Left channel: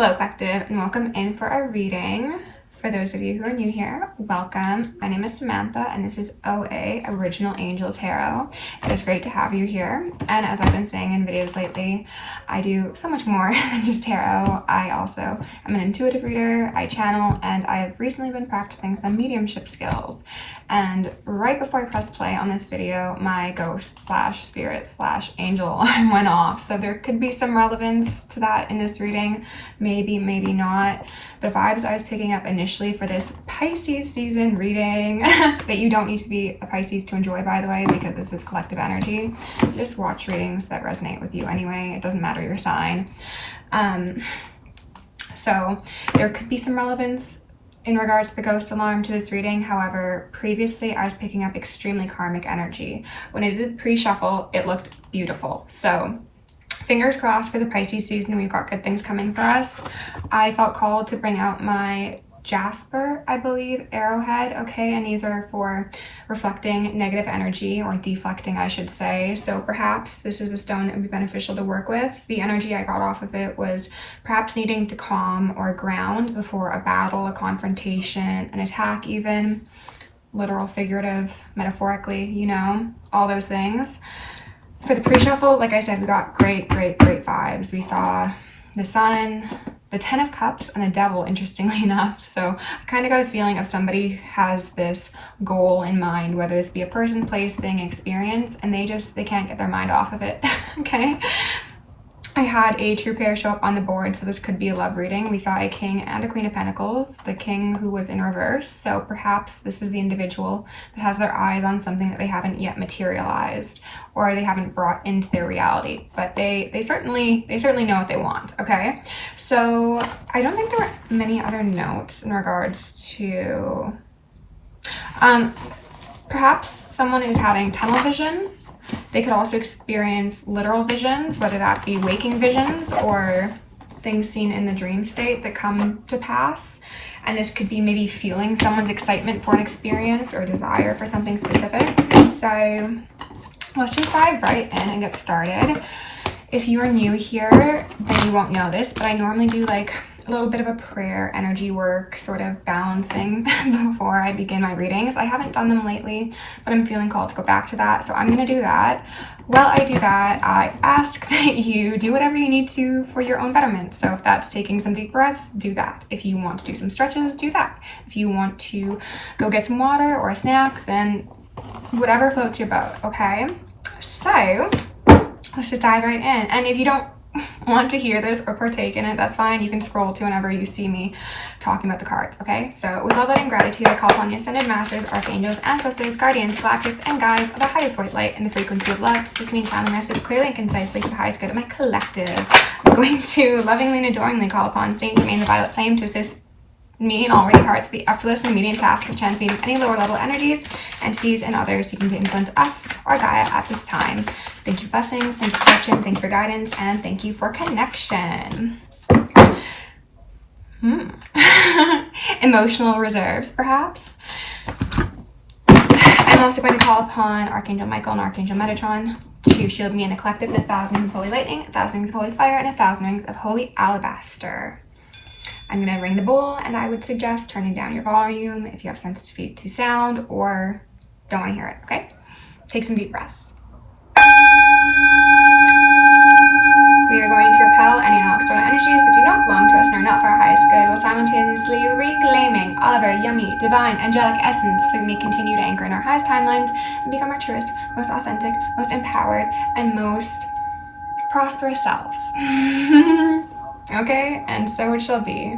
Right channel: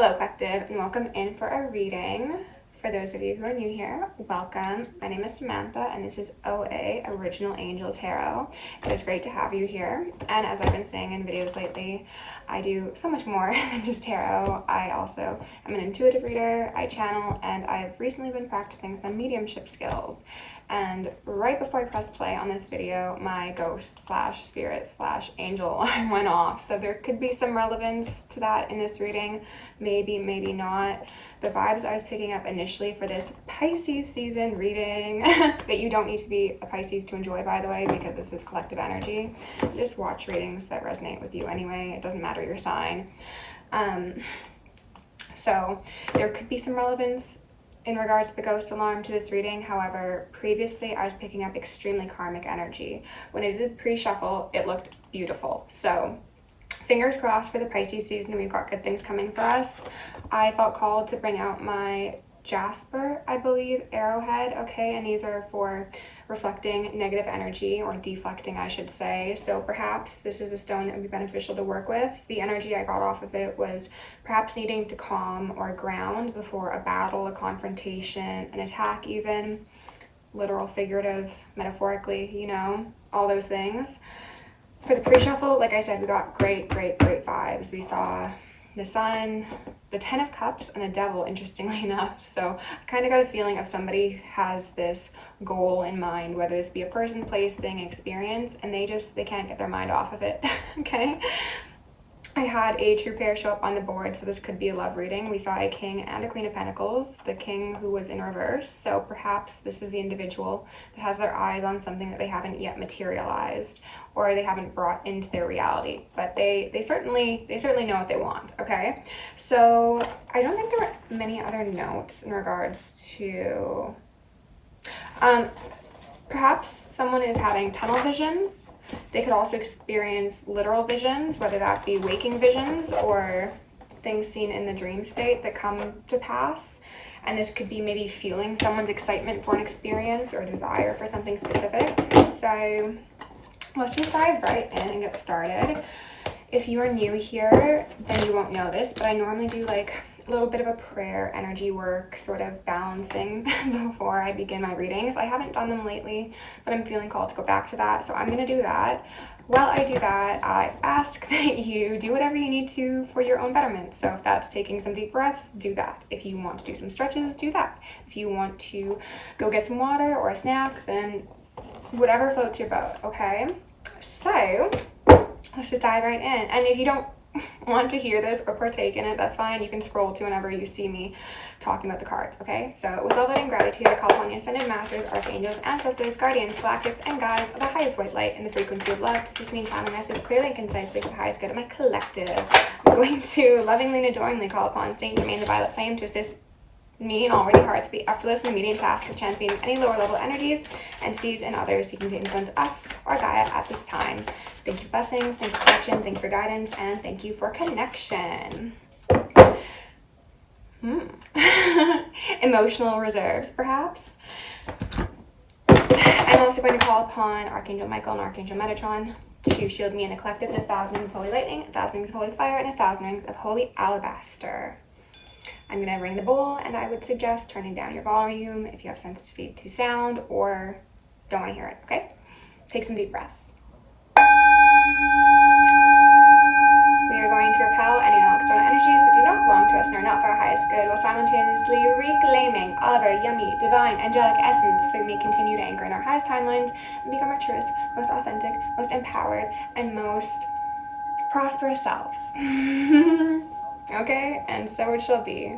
Hello Collective, and welcome in for our reading. For those of you who are new here, welcome. My name is Samantha and this is OA, Original Angel Tarot. It is great to have you here. And as I've been saying in videos lately, I do so much more than just tarot. I also am an intuitive reader, I channel, and I have recently been practicing some mediumship skills. And right before I pressed play on this video, my ghost slash spirit slash angel alarm went off. So there could be some relevance to that in this reading. Maybe, maybe not. The vibes I was picking up initially for this Pisces season reading, that you don't need to be a Pisces to enjoy, by the way, because this is collective energy. Just watch readings that resonate with you anyway. It doesn't matter your sign. So there could be some relevance in regards to the ghost alarm to this reading. However, previously I was picking up extremely karmic energy. When I did the pre-shuffle, it looked beautiful. So fingers crossed for the Pisces season. We've got good things coming for us. I felt called to bring out my Jasper, I believe, arrowhead. Okay, and these are for reflecting negative energy, or deflecting, I should say. So perhaps this is a stone that would be beneficial to work with. The energy I got off of it was perhaps needing to calm or ground before a battle, a confrontation, an attack even. Literal, figurative, metaphorically, you know, all those things. For the pre-shuffle, like I said, we got great vibes. We saw the sun, the 10 of Cups, and the Devil, interestingly enough. So I kind of got a feeling of somebody has this goal in mind, whether this be a person, place, thing, experience, and they can't get their mind off of it. Okay. I had a true pair show up on the board, so this could be a love reading. We saw a King and a Queen of Pentacles, the King who was in reverse. So perhaps this is the individual that has their eyes on something that they haven't yet materialized, or they haven't brought into their reality, but they certainly know what they want. Okay, so I don't think there were many other notes in regards to perhaps someone is having tunnel vision. They could also experience literal visions, whether that be waking visions or things seen in the dream state that come to pass. And this could be maybe feeling someone's excitement for an experience or desire for something specific. So let's just dive right in and get started. If you are new here, then you won't know this, but I normally do like a little bit of a prayer, energy work, sort of balancing before I begin my readings. I haven't done them lately, but I'm feeling called to go back to that, so I'm going to do that. While I do that, I ask that you do whatever you need to for your own betterment. So if that's taking some deep breaths, do that. If you want to do some stretches, do that. If you want to go get some water or a snack, then whatever floats your boat, okay? So let's just dive right in. And if you don't want to hear this or partake in it, that's fine. You can scroll to whenever you see me talking about the cards, okay? So with all that in gratitude, I call upon the ascended masters, archangels, ancestors, guardians, galactics, and guides of the highest white light and the frequency of love to assist me in channeling messages clearly and concisely for the highest good of my collective. I'm going to lovingly and adoringly call upon Saint Germain the Violet Flame to assist me and all worthy hearts with the effortless and immediate task of transmuting any lower level energies, entities, and others seeking to influence us or Gaia at this time. Thank you for blessings, thank you for protection, thank you for guidance, and thank you for connection. Emotional reserves, perhaps. I'm also going to call upon Archangel Michael and Archangel Metatron to shield me in a collective with 1,000 rings of holy lightning, 1,000 rings of holy fire, and 1,000 rings of holy alabaster. I'm going to ring the bowl, and I would suggest turning down your volume if you have sensitivity to sound or don't want to hear it, okay? Take some deep breaths. We are going to repel any and all external energies that do not belong to us and are not for our highest good, while simultaneously reclaiming all of our yummy, divine, angelic essence so that we may continue to anchor in our highest timelines and become our truest, most authentic, most empowered, and most prosperous selves. Okay, and so it shall be.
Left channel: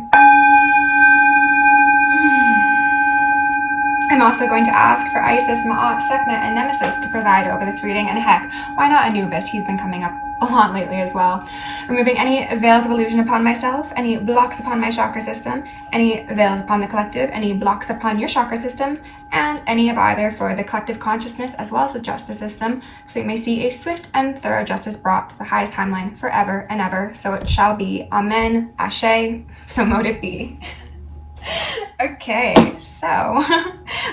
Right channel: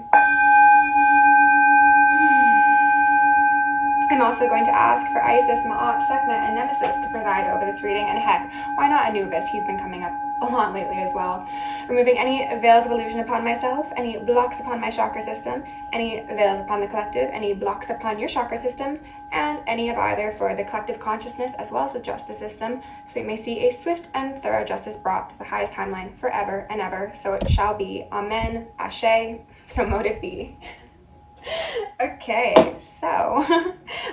I'm also going to ask for Isis, Ma'at, Sekhmet, and Nemesis to preside over this reading, and heck, why not Anubis? He's been coming up a lot lately as well. Removing any veils of illusion upon myself, any blocks upon my chakra system, any veils upon the collective, any blocks upon your chakra system, and any of either for the collective consciousness as well as the justice system, so you may see a swift and thorough justice brought to the highest timeline forever and ever. So it shall be. Amen. Ashe. So mote it be. Okay, so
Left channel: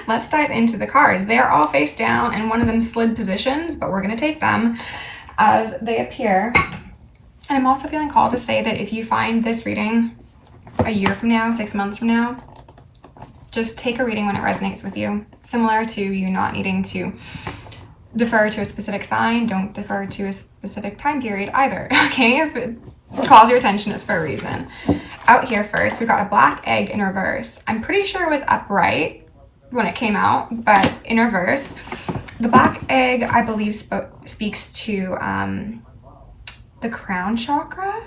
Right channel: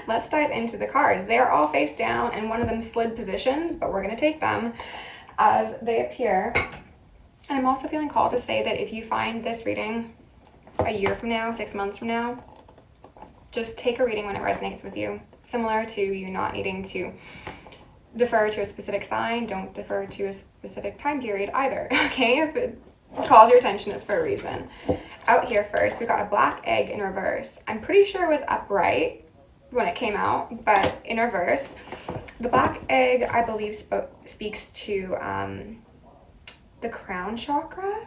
let's dive into the cards. They are all face down and one of them slid positions, but we're going to take them as they appear And I'm also feeling called to say that if you find this reading a year from now, 6 months from now, just take a reading when it resonates with you. Similar to you not needing to defer to a specific sign, don't defer to a specific time period either, okay? If it calls your attention, it's for a reason. Out here first, we got a black egg in reverse. I'm pretty sure it was upright when it came out, but in reverse. The black egg, I believe, speaks to the crown chakra.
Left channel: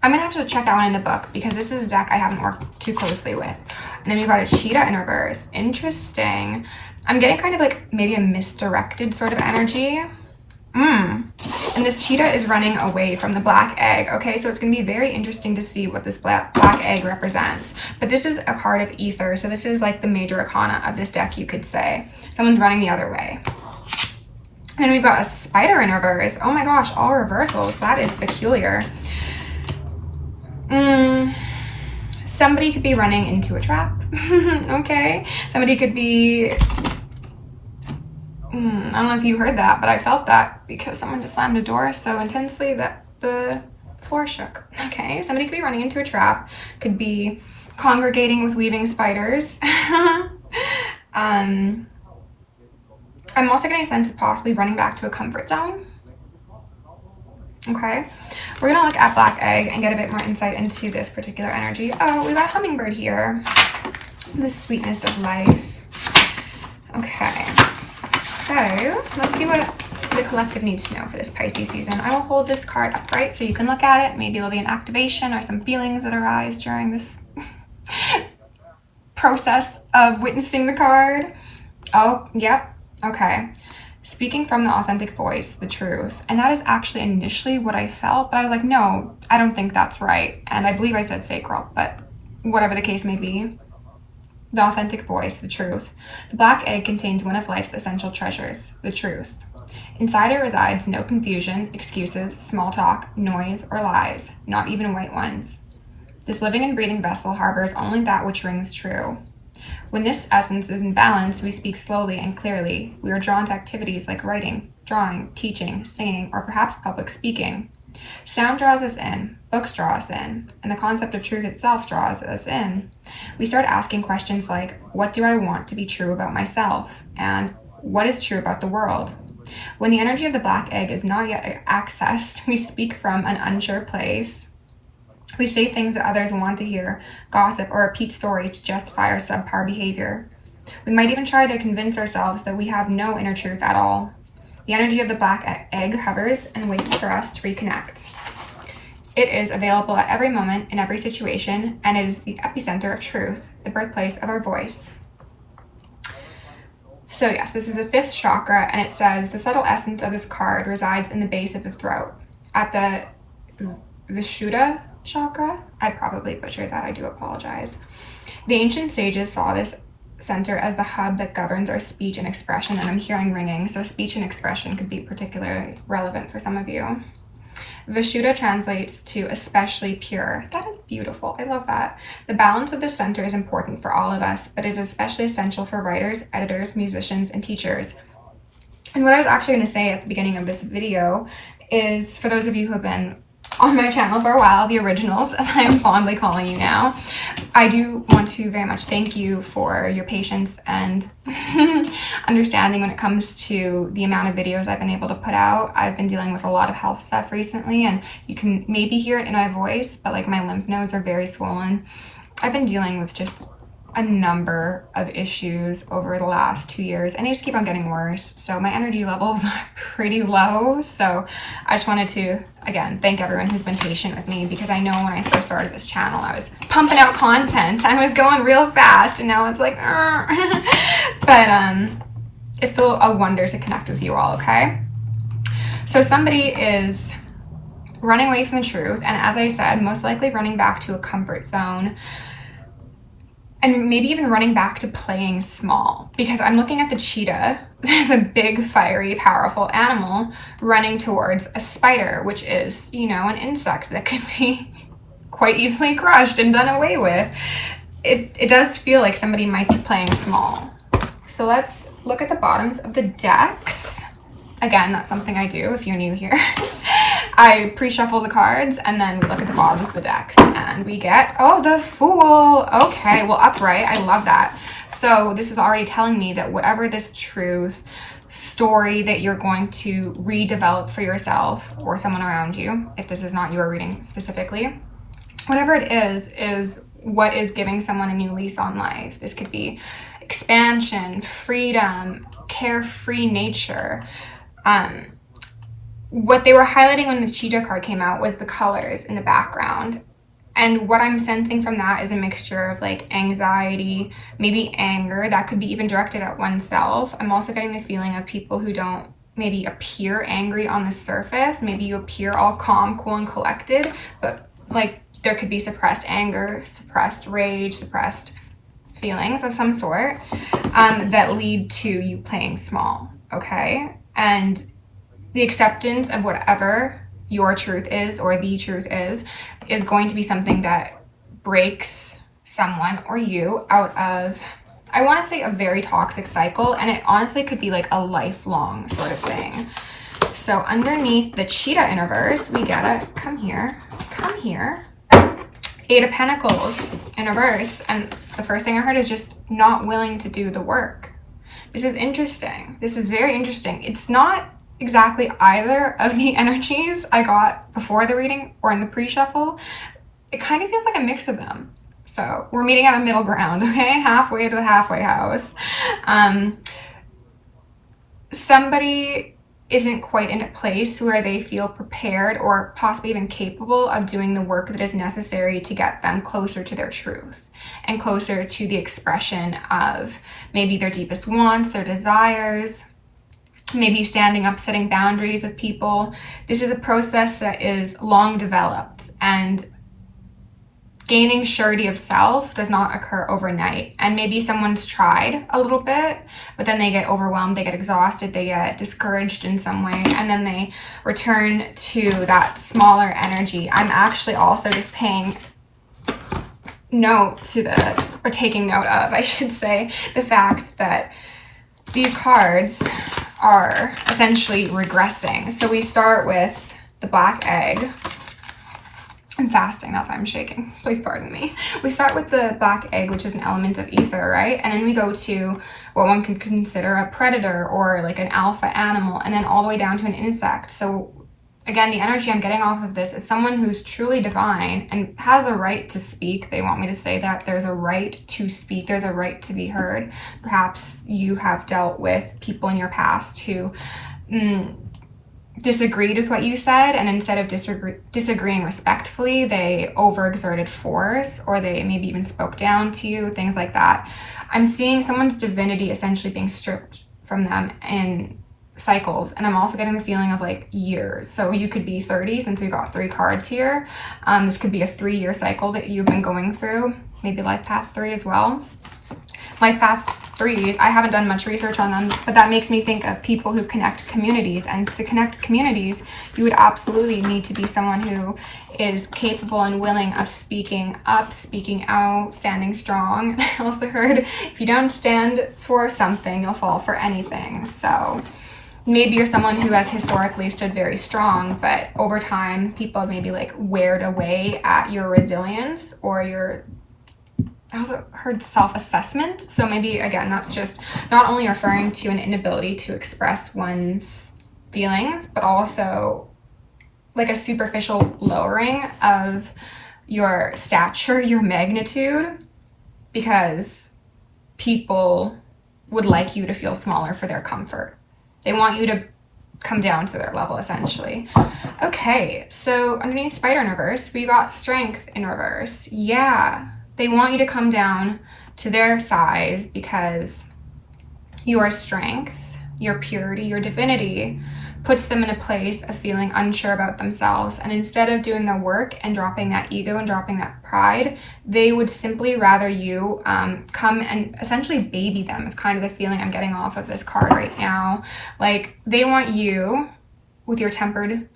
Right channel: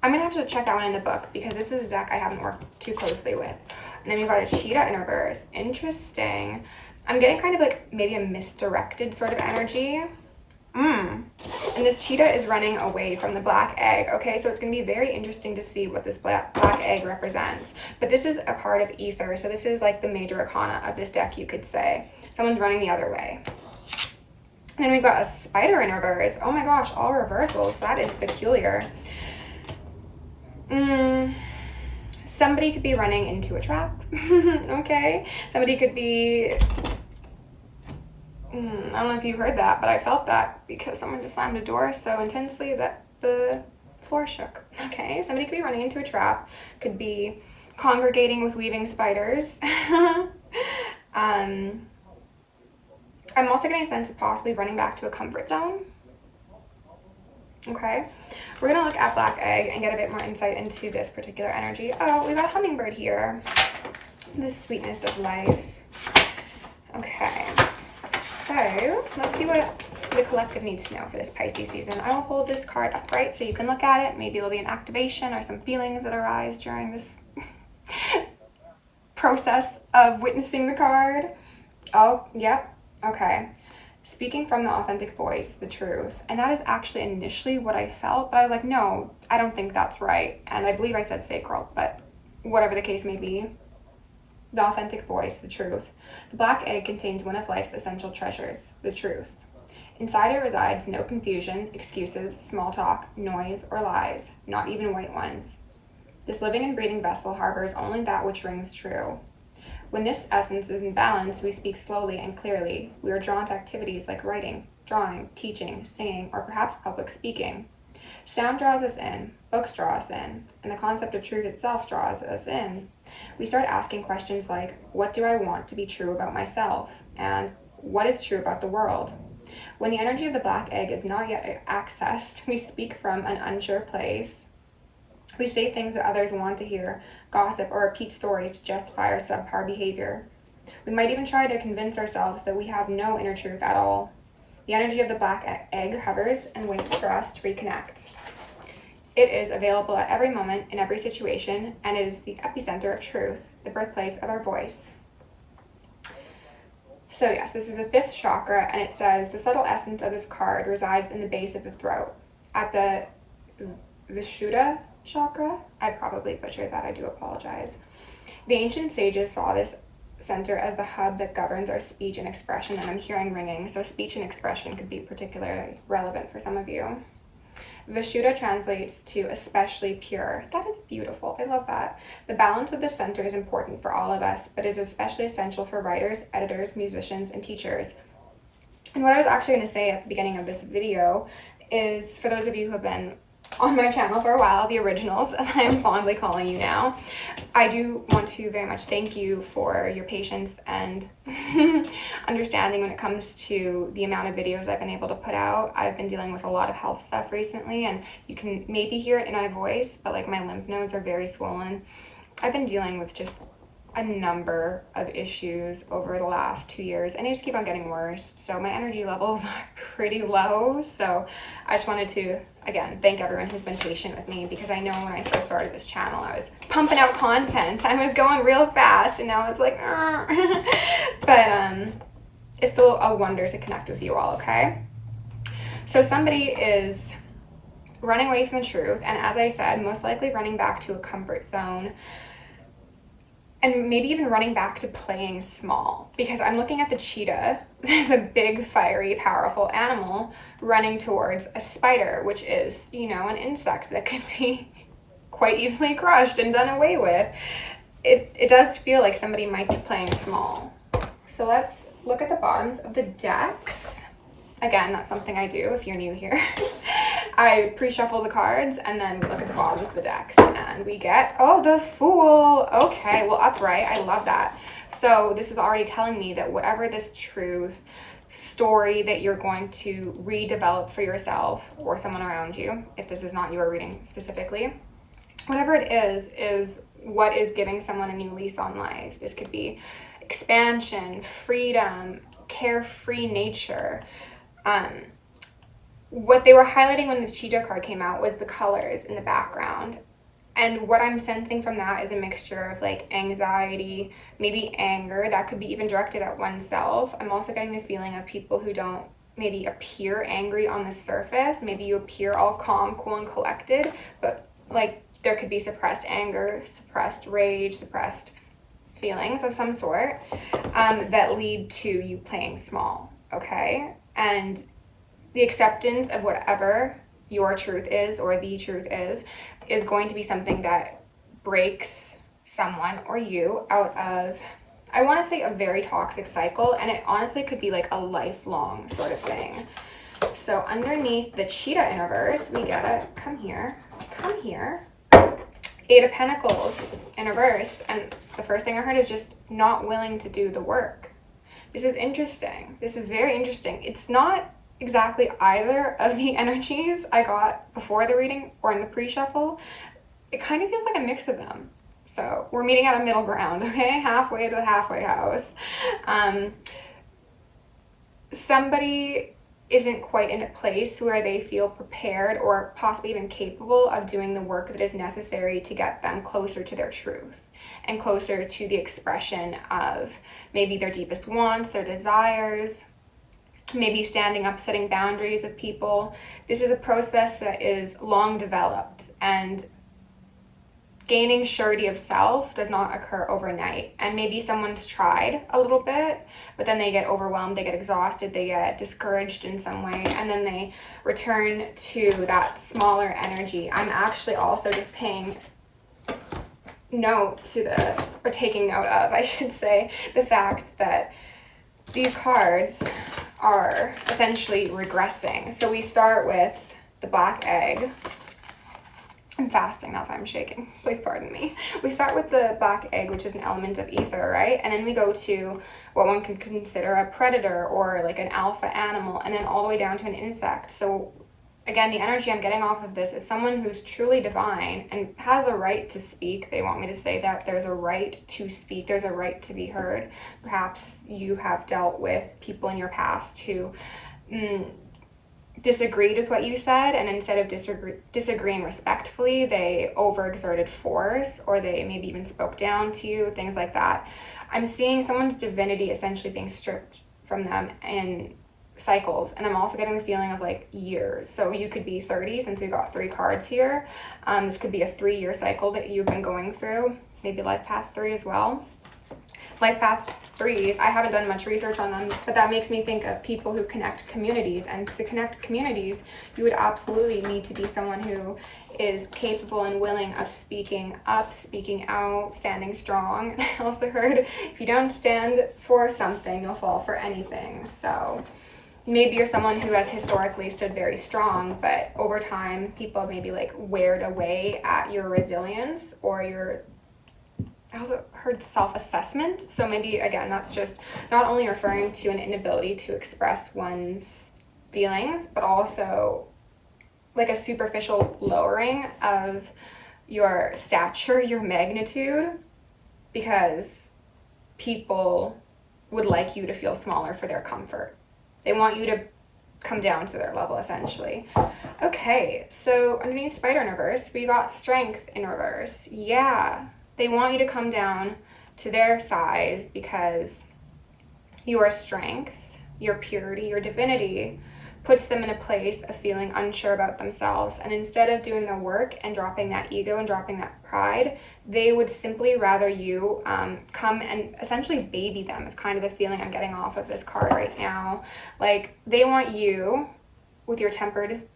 I'm gonna have to check that one in the book because this is a deck I haven't worked too closely with. And then we got a cheetah in reverse. Interesting. I'm getting kind of like maybe a misdirected sort of energy. And this cheetah is running away from the black egg. Okay, so it's going to be very interesting to see what this black egg represents. But this is a card of ether, so this is like the major arcana of this deck, you could say. Someone's running the other way. And then we've got a spider in reverse. Oh my gosh, all reversals. That is peculiar. Somebody could be running into a trap. Okay, somebody could be... I don't know if you heard that, but I felt that because someone just slammed a door so intensely that the floor shook. Okay, somebody could be running into a trap, could be congregating with weaving spiders. I'm also getting a sense of possibly running back to a comfort zone. Okay, we're gonna look at black egg and get a bit more insight into this particular energy. Oh, we got a hummingbird here. The sweetness of life. Okay. So let's see what the collective needs to know for this Pisces season. I will hold this card upright so you can look at it. Maybe there'll be an activation or some feelings that arise during this process of witnessing the card. Oh, yep. Okay. Speaking from the authentic voice, the truth. And that is actually initially what I felt, but I was like, no, I don't think that's right. And I believe I said sacral, but whatever the case may be. The authentic voice, the truth. The black egg contains one of life's essential treasures, the truth. Inside it resides no confusion, excuses, small talk, noise, or lies, not even white ones. This living and breathing vessel harbors only that which rings true. When this essence is in balance, we speak slowly and clearly. We are drawn to activities like writing, drawing, teaching, singing, or perhaps public speaking. Sound draws us in, books draw us in, and the concept of truth itself draws us in. We start asking questions like, what do I want to be true about myself? And what is true about the world? When the energy of the black egg is not yet accessed, we speak from an unsure place. We say things that others want to hear, gossip, or repeat stories to justify our subpar behavior. We might even try to convince ourselves that we have no inner truth at all. The energy of the black egg hovers and waits for us to reconnect. It is available at every moment, in every situation, and it is the epicenter of truth, the birthplace of our voice. So yes, this is the 5th chakra, and it says, the subtle essence of this card resides in the base of the throat. At the Vishuddha chakra, I probably butchered that, I do apologize. The ancient sages saw this center as the hub that governs our speech and expression, and I'm hearing ringing, so speech and expression could be particularly relevant for some of you. Vishuddha translates to especially pure. That is beautiful. I love that. The balance of the center is important for all of us, but is especially essential for writers, editors, musicians, and teachers. And what I was actually going to say at the beginning of this video is, for those of you who have been on my channel for a while, the originals, as I am fondly calling you now, I do want to very much thank you for your patience and understanding when it comes to the amount of videos I've been able to put out. I've been dealing with a lot of health stuff recently, and you can maybe hear it in my voice, but like my lymph nodes are very swollen. I've been dealing with just a number of issues over the last 2 years, and they just keep on getting worse. So my energy levels are pretty low. So I just wanted to, again, thank everyone who's been patient with me, because I know when I first started this channel, I was pumping out content. I was going real fast, and now it's like, but it's still a wonder to connect with you all, okay? So somebody is running away from the truth, and as I said, most likely running back to a comfort zone, and maybe even running back to playing small, because I'm looking at the cheetah. There's a big, fiery, powerful animal running towards a spider, which is, you know, an insect that could be quite easily crushed and done away with. It does feel like somebody might be playing small. So let's look at the bottoms of the decks. Again, that's something I do if you're new here. I pre-shuffle the cards, and then we look at the bottoms of the decks, and we get, oh, the Fool. Okay, well, upright. I love that. So this is already telling me that whatever this truth story that you're going to redevelop for yourself or someone around you, if this is not your reading specifically, whatever it is what is giving someone a new lease on life. This could be expansion, freedom, carefree nature. What they were highlighting when the Cheetah card came out was the colors in the background. And what I'm sensing from that is a mixture of like anxiety, maybe anger, that could be even directed at oneself. I'm also getting the feeling of people who don't maybe appear angry on the surface. Maybe you appear all calm, cool, and collected, but like there could be suppressed anger, suppressed rage, suppressed feelings of some sort that lead to you playing small, okay? And the acceptance of whatever your truth is or the truth is going to be something that breaks someone or you out of, I want to say, a very toxic cycle, and it honestly could be like a lifelong sort of thing. So underneath the Cheetah in reverse, we get a, come here, Eight of Pentacles in reverse, and the first thing I heard is just not willing to do the work. This is interesting. This is very interesting. It's not exactly either of the energies I got before the reading or in the pre-shuffle. It kind of feels like a mix of them. So we're meeting at a middle ground, okay? Halfway to the halfway house. Somebody isn't quite in a place where they feel prepared or possibly even capable of doing the work that is necessary to get them closer to their truth and closer to the expression of maybe their deepest wants, their desires, maybe standing up, setting boundaries with people. This is a process that is long developed, and gaining surety of self does not occur overnight. And maybe someone's tried a little bit, but then they get overwhelmed, they get exhausted, they get discouraged in some way, and then they return to that smaller energy. I'm actually also just paying note to the, or taking note of, I should say, the fact that these cards are essentially regressing. So we start with the Black Egg. I'm fasting, that's why I'm shaking. Please pardon me. We start with the Black Egg, which is an element of ether, right? And then we go to what one could consider a predator or like an alpha animal, and then all the way down to an insect. So again, the energy I'm getting off of this is someone who's truly divine and has a right to speak. They want me to say that there's a right to speak. There's a right to be heard. Perhaps you have dealt with people in your past who disagreed with what you said, and instead of disagreeing respectfully, they overexerted force, or they maybe even spoke down to you, things like that. I'm seeing someone's divinity essentially being stripped from them in cycles, and I'm also getting the feeling of like years. So you could be 30, since we got 3 cards here. This could be a 3-year cycle that you've been going through, maybe life path 3 as well. Life path 3s, I haven't done much research on them, but that makes me think of people who connect communities. And to connect communities, you would absolutely need to be someone who is capable and willing of speaking up, speaking out, standing strong. I also heard if you don't stand for something, you'll fall for anything. So maybe you're someone who has historically stood very strong, but over time, people have maybe like weared away at your resilience or your, I also heard self-assessment. So maybe, again, that's just not only referring to an inability to express one's feelings, but also like a superficial lowering of your stature, your magnitude, because people would like you to feel smaller for their comfort. They want you to come down to their level, essentially. Okay, so underneath Spider in reverse, we got Strength in reverse. Yeah. They want you to come down to their size because your strength, your purity, your divinity puts them in a place of feeling unsure about themselves. And instead of doing the work and dropping that ego and dropping that pride, they would simply rather you come and essentially baby them, is kind of the feeling I'm getting off of this card right now. Like they want you, with your tempered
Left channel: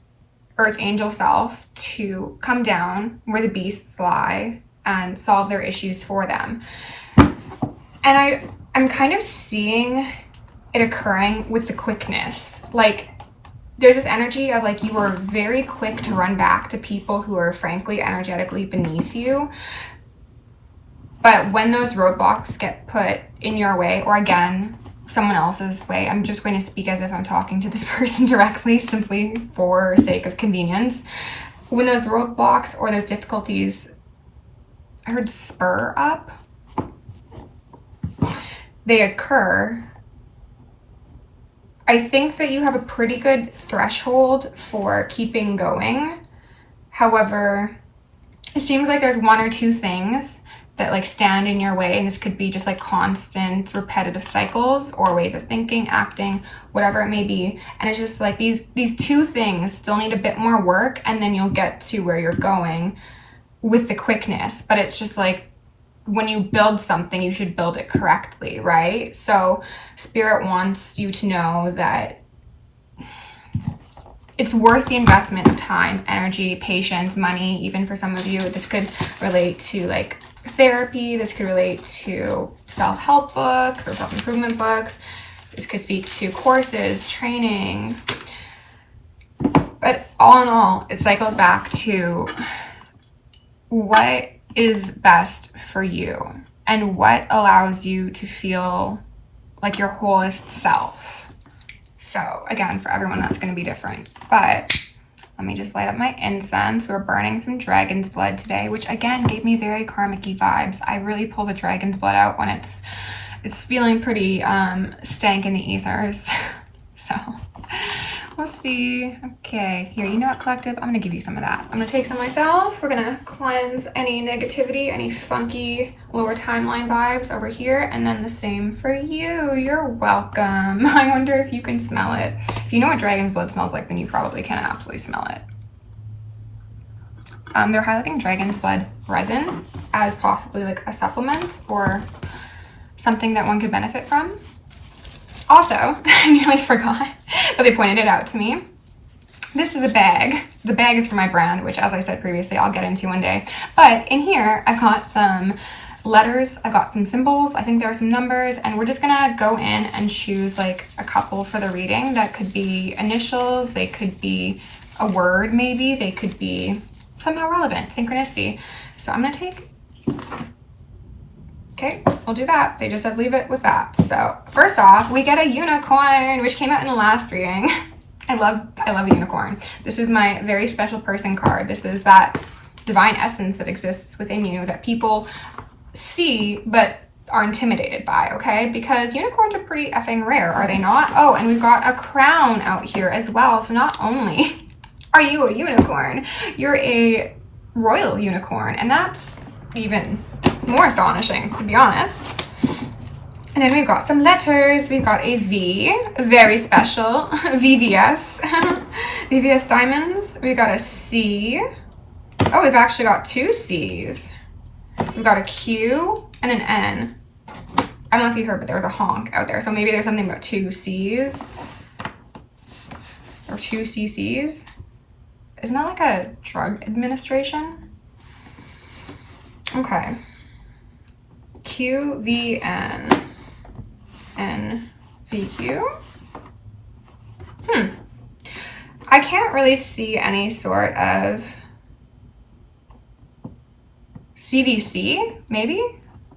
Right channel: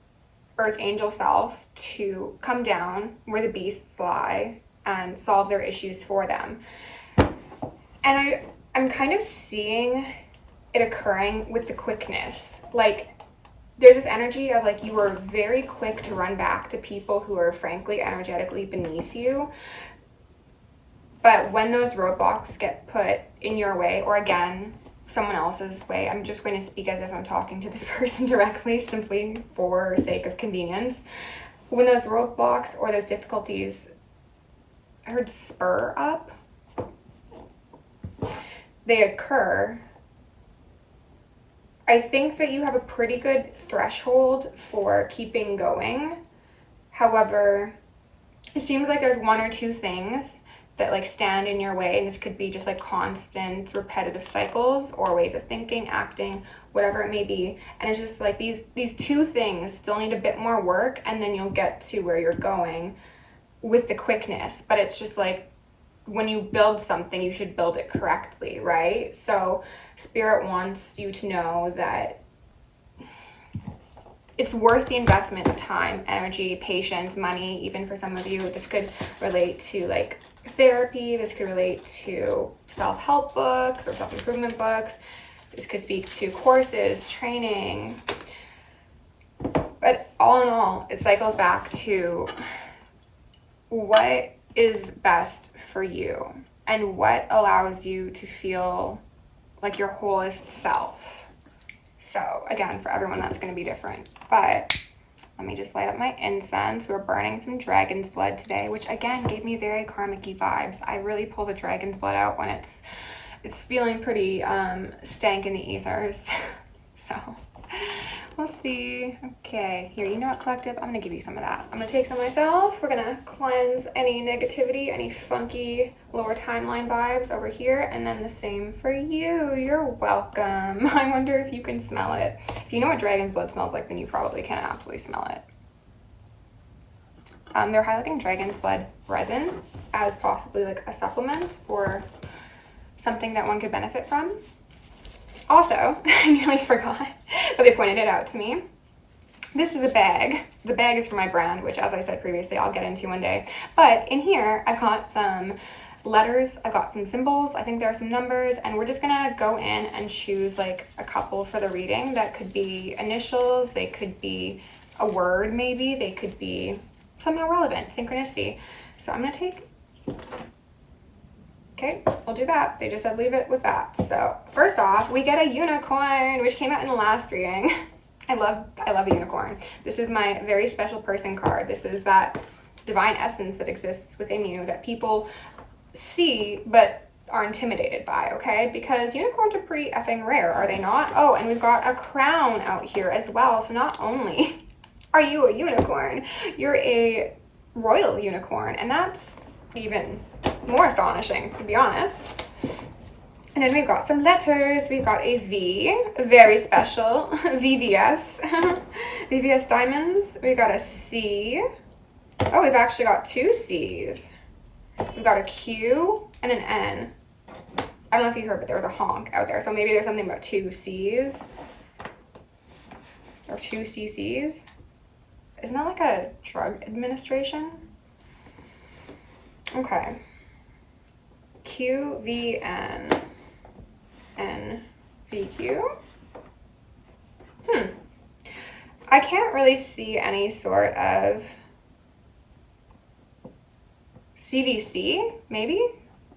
earth angel self, to come down where the beasts lie and solve their issues for them. And I'm kind of seeing it occurring with the quickness. Like there's this energy of like you are very quick to run back to people who are frankly energetically beneath you. But when those roadblocks get put in your way, or again, someone else's way, I'm just going to speak as if I'm talking to this person directly, simply for sake of convenience. When those roadblocks or those difficulties, I heard spur up, they occur, I think that you have a pretty good threshold for keeping going. However, it seems like there's one or two things that like stand in your way, and this could be just like constant repetitive cycles or ways of thinking, acting, whatever it may be. And it's just like these two things still need a bit more work, and then you'll get to where you're going with the quickness. But it's just like when you build something, you should build it correctly, right? So Spirit wants you to know that it's worth the investment of time, energy, patience, money. Even for some of you, this could relate to like therapy. This could relate to self-help books or self-improvement books. This could speak to courses, training. But all in all, it cycles back to what is best for you and what allows you to feel like your wholest self. So again, for everyone, that's going to be different. But let me just light up my incense. We're burning some dragon's blood today, which again gave me very karmic-y vibes. I really pull the dragon's blood out when it's feeling pretty stank in the ethers. So we'll see. Okay, here, you know what, collective? I'm gonna give you some of that. I'm gonna take some myself. We're gonna cleanse any negativity, any funky lower timeline vibes over here, and then the same for you. You're welcome. I wonder if you can smell it. If you know what dragon's blood smells like, then you probably can absolutely smell it. They're highlighting dragon's blood resin as possibly like a supplement or something that one could benefit from. Also, I nearly forgot, but they pointed it out to me. This is a bag. The bag is for my brand, which, as I said previously, I'll get into one day. But in here, I've got some letters, I've got some symbols, I think there are some numbers, and we're just gonna go in and choose like a couple for the reading. That could be initials, they could be a word maybe, they could be somehow relevant, synchronicity. So I'm gonna take... Okay, we'll do that. They just said leave it with that. So first off, we get a unicorn, which came out in the last reading. I love a unicorn. This is my very special person card. This is that divine essence that exists within you that people see but are intimidated by, okay? Because unicorns are pretty effing rare, are they not? Oh, and we've got a crown out here as well. So not only are you a unicorn, you're a royal unicorn, and that's even more astonishing, to be honest. And then we've got some letters. We've got a V, very special, VVS, VVS diamonds. We've got a C. Oh, we've actually got two C's. We've got a Q and an N. I don't know if you heard, but there was a honk out there. So maybe there's something about two C's or two CC's. Isn't that like a drug administration? Okay. QVN. NVQ. I can't really see any sort of CVC, maybe?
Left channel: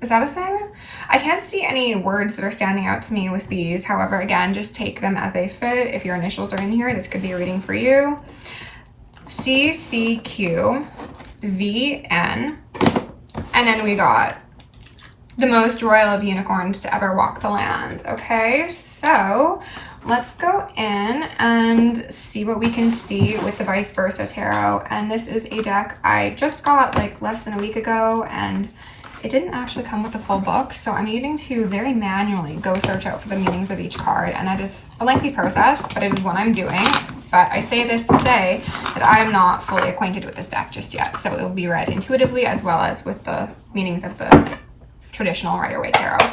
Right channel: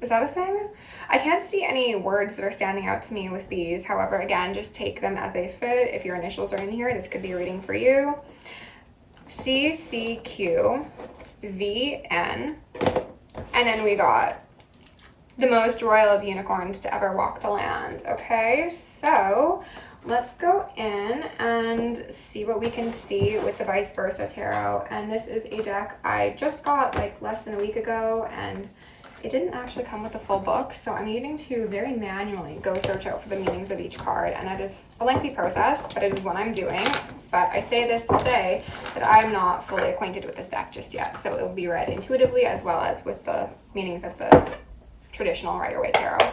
Is that a thing? I can't see any words that are standing out to me with these. However, again, just take them as they fit. If your initials are in here, this could be a reading for you. CCQ, VN, and then we got the most royal of unicorns to ever walk the land. Okay, so let's go in and see what we can see with the Vice Versa Tarot. And this is a deck I just got like less than a week ago, and it didn't actually come with the full book, so I'm needing to very manually go search out for the meanings of each card, and that is a lengthy process, but it is what I'm doing. But I say this to say that I'm not fully acquainted with this deck just yet, so it will be read intuitively as well as with the meanings of the traditional Rider-Waite Tarot.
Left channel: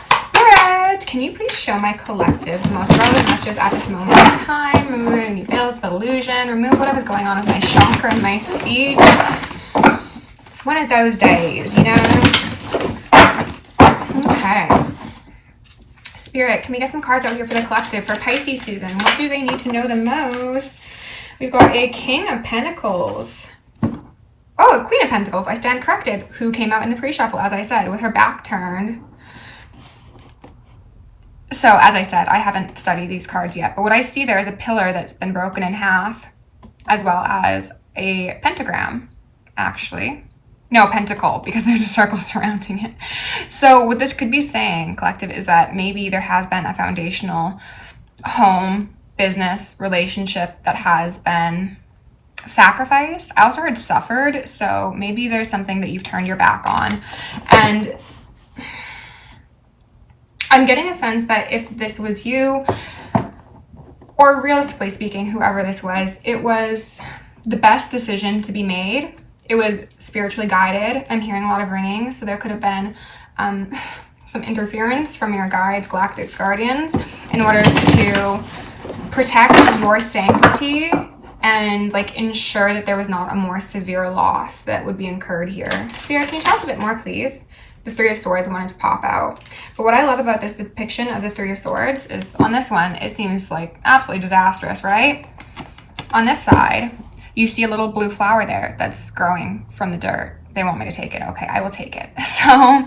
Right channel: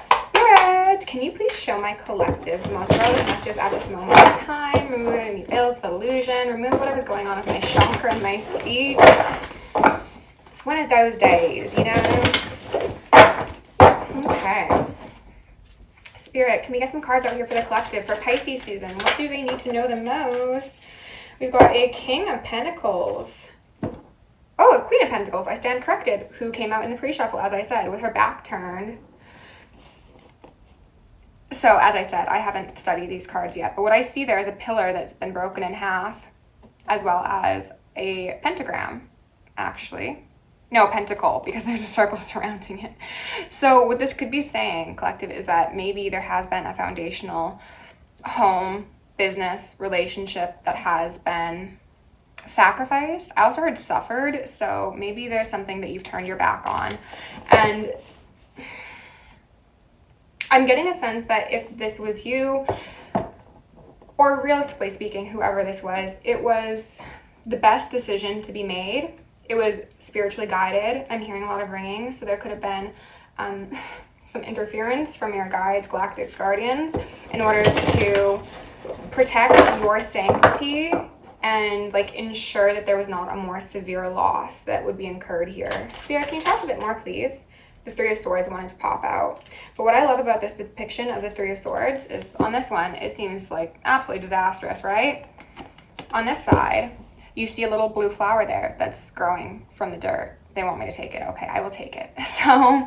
Spirit, can you please show my collective the most relevant messages at this moment in time? Remove any veils of illusion, remove whatever's going on with my chakra and my speech. It's one of those days, you know? Okay. Spirit, can we get some cards out here for the collective for Pisces season? What do they need to know the most? We've got a King of Pentacles. Oh, a Queen of Pentacles. I stand corrected. Who came out in the pre-shuffle, as I said, with her back turned. So, as I said, I haven't studied these cards yet, but what I see there is a pillar that's been broken in half, as well as a pentagram, actually. No, pentacle, because there's a circle surrounding it. So what this could be saying, collective, is that maybe there has been a foundational home, business, relationship that has been sacrificed. I also heard suffered, so maybe there's something that you've turned your back on. And I'm getting a sense that if this was you, or realistically speaking, whoever this was, it was the best decision to be made. It was spiritually guided. I'm hearing a lot of ringing, so there could have been some interference from your guides, galactic guardians, in order to protect your sanctity and like ensure that there was not a more severe loss that would be incurred here. Spirit, can you tell us a bit more, please? The Three of Swords wanted to pop out. But what I love about this depiction of the Three of Swords is on this one, it seems like absolutely disastrous, right? On this side, you see a little blue flower there that's growing from the dirt. They want me to take it. Okay, I will take it. So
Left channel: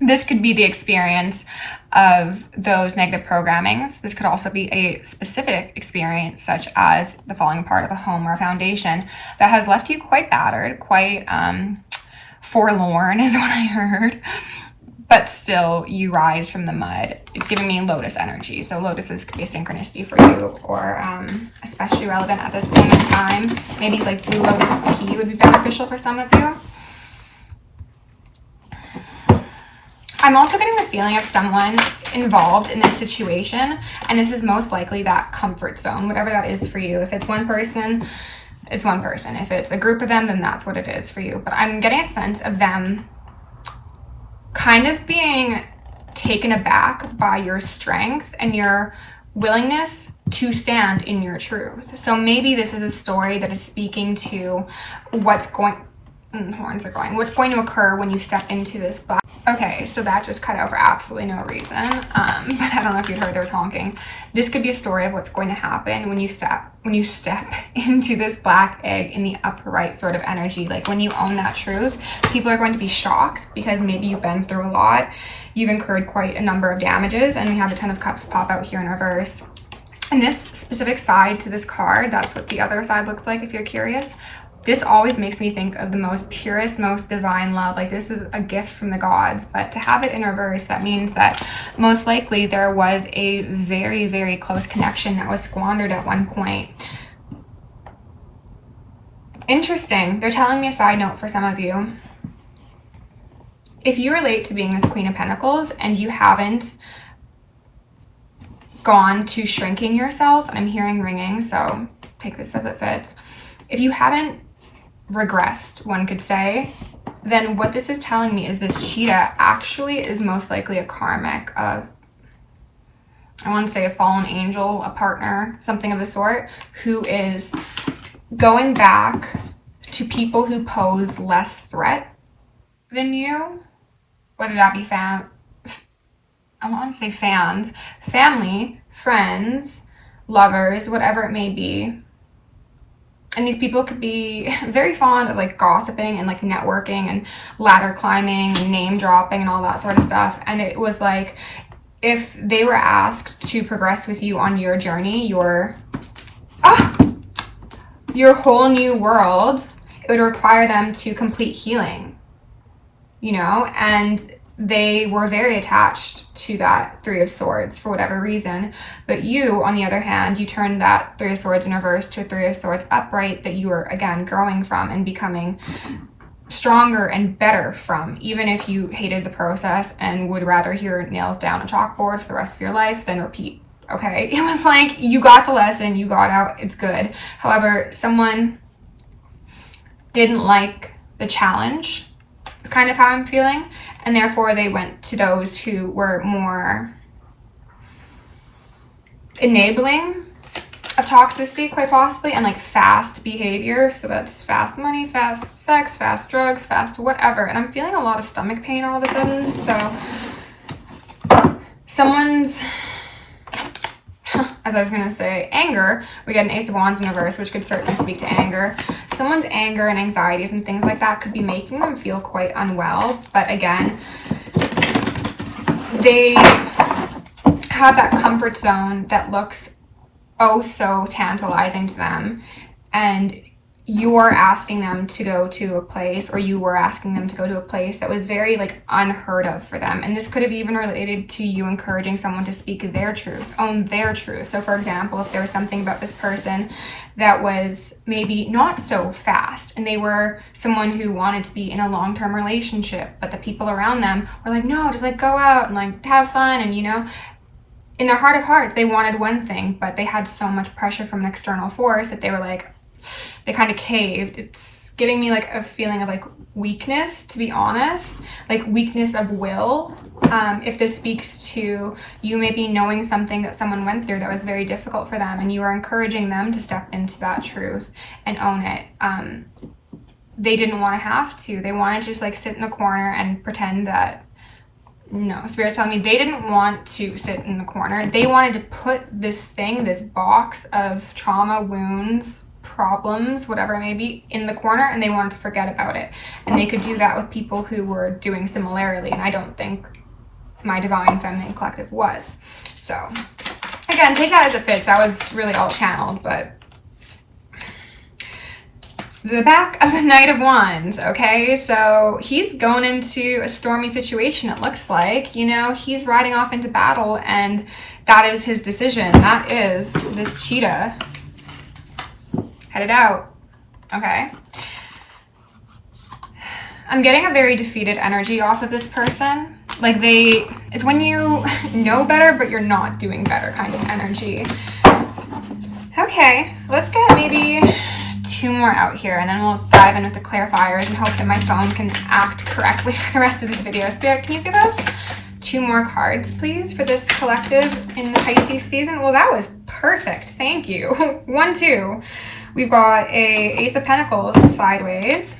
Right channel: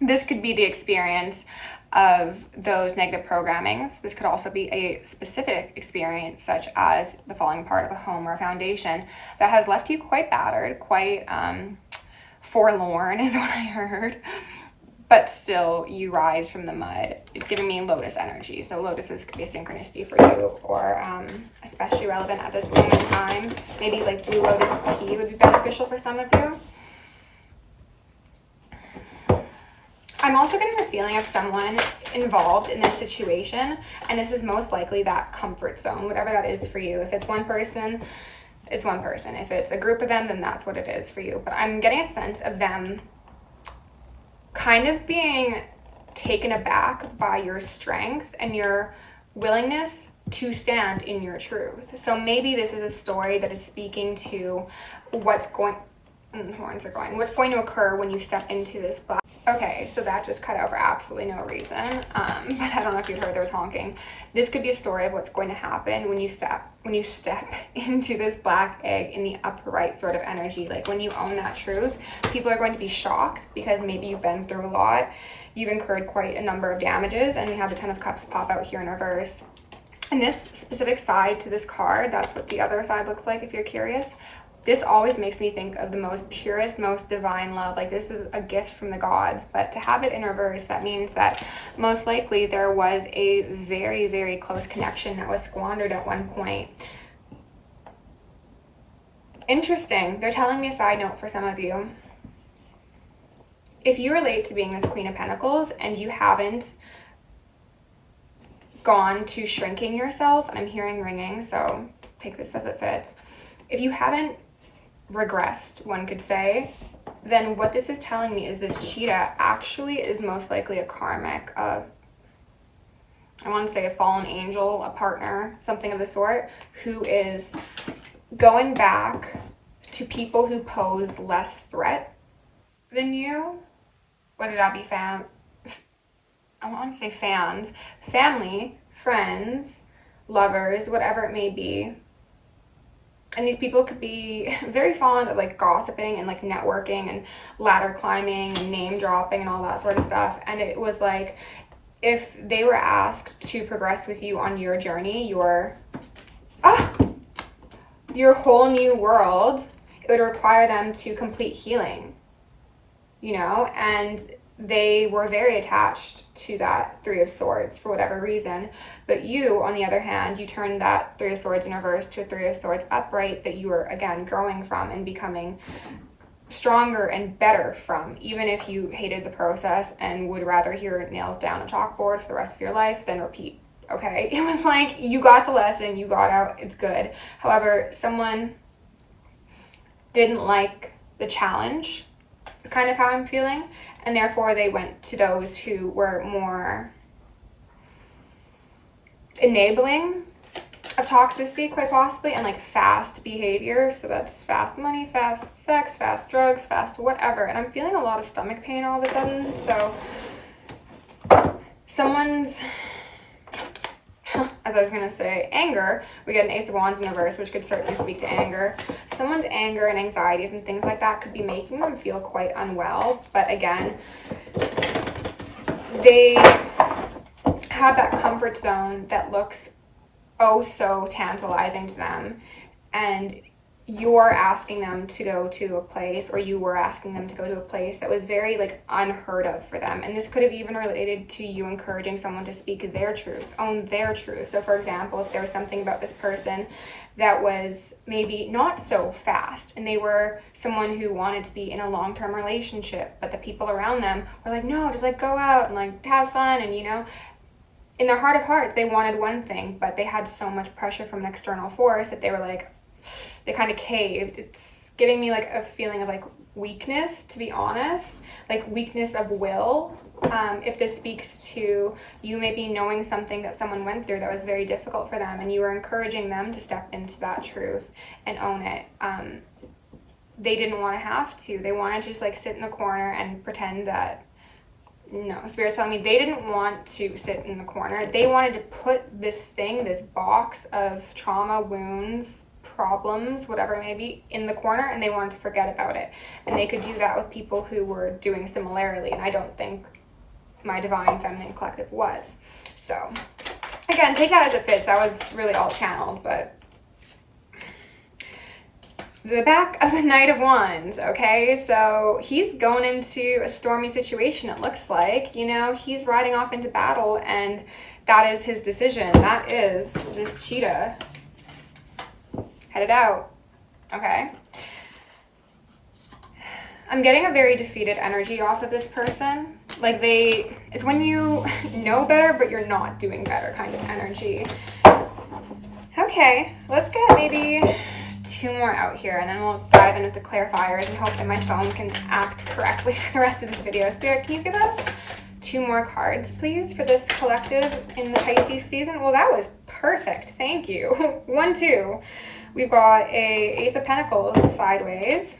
this could be the experience of those negative programmings. This could also be a specific experience, such as the falling apart of a home or a foundation that has left you quite battered, quite forlorn is what I heard. But still, you rise from the mud. It's giving me lotus energy. So lotuses could be a synchronicity for you, or especially relevant at this moment in time. Maybe like blue lotus tea would be beneficial for some of you. I'm also getting the feeling of someone involved in this situation, and this is most likely that comfort zone, whatever that is for you. If it's one person, it's one person. If it's a group of them, then that's what it is for you. But I'm getting a sense of them kind of being taken aback by your strength and your willingness to stand in your truth. So maybe this is a story that is speaking to what's going to occur when you step into this black. Okay, so that just cut out for absolutely no reason. But I don't know if you heard there was honking. This could be a story of what's going to happen when you step into this black egg in the upright sort of energy. Like when you own that truth, people are going to be shocked because maybe you've been through a lot. You've incurred quite a number of damages, and we have the Ten of Cups pop out here in reverse. And this specific side to this card, that's what the other side looks like if you're curious. This always makes me think of the most purest, most divine love. Like this is a gift from the gods, but to have it in reverse, that means that most likely there was a very, very close connection that was squandered at one point. Interesting. They're telling me a side note for some of you. If you relate to being this Queen of Pentacles and you haven't gone to shrinking yourself, and I'm hearing ringing, so take this as it fits. If you haven't regressed, one could say, then what this is telling me is this cheetah actually is most likely a karmic, I want to say a fallen angel, a partner, something of the sort, who is going back to people who pose less threat than you, whether that be I want to say fans, family, friends, lovers, whatever it may be. And these people could be very fond of like gossiping and like networking and ladder climbing and name dropping and all that sort of stuff. And it was like, if they were asked to progress with you on your journey, your whole new world, it would require them to complete healing, you know? And they were very attached to that Three of Swords for whatever reason. But you, on the other hand, you turned that Three of Swords in reverse to a Three of Swords upright that you were, again, growing from and becoming stronger and better from, even if you hated the process and would rather hear nails down a chalkboard for the rest of your life than repeat. Okay? It was like, you got the lesson, you got out, it's good. However, someone didn't like the challenge, kind of how I'm feeling, and therefore they went to those who were more enabling of toxicity, quite possibly, and like fast behavior. So that's fast money, fast sex, fast drugs, fast whatever. And I'm feeling a lot of stomach pain all of a sudden. So someone's, as I was going to say, anger. We get an Ace of Wands in reverse, which could certainly speak to anger. Someone's anger and anxieties and things like that could be making them feel quite unwell. But again, they have that comfort zone that looks oh so tantalizing to them. And you're asking them to go to a place, or you were asking them to go to a place that was very like unheard of for them. And this could have even related to you encouraging someone to speak their truth, own their truth. So for example, if there was something about this person that was maybe not so fast, and they were someone who wanted to be in a long-term relationship, but the people around them were like, no, just like go out and like have fun. And you know, in their heart of hearts, they wanted one thing, but they had so much pressure from an external force that they were like, they kind of caved. It's giving me like a feeling of like weakness, to be honest, like weakness of will. If this speaks to you maybe knowing something that someone went through that was very difficult for them, and you are encouraging them to step into that truth and own it. They didn't want to have to. They wanted to just like sit in a corner and pretend that, no, Spirit's telling me they didn't want to sit in the corner. They wanted to put this thing, this box of trauma, wounds, problems, whatever it may be, in the corner, and they wanted to forget about it. And they could do that with people who were doing similarly, and I don't think my Divine Feminine Collective was. So again, take that as it fits. That was really all channeled, but the back of the Knight of Wands, okay? So he's going into a stormy situation, it looks like. You know, he's riding off into battle, and that is his decision. That is this cheetah headed out, okay? I'm getting a very defeated energy off of this person. Like it's when you know better, but you're not doing better kind of energy. Okay, let's get maybe 2 more out here, and then we'll dive in with the clarifiers and hope that my phone can act correctly for the rest of this video. Spirit, can you give us 2 more cards, please, for this collective in the Pisces season? Well, that was perfect. Thank you. 1, 2. We've got a Ace of Pentacles sideways,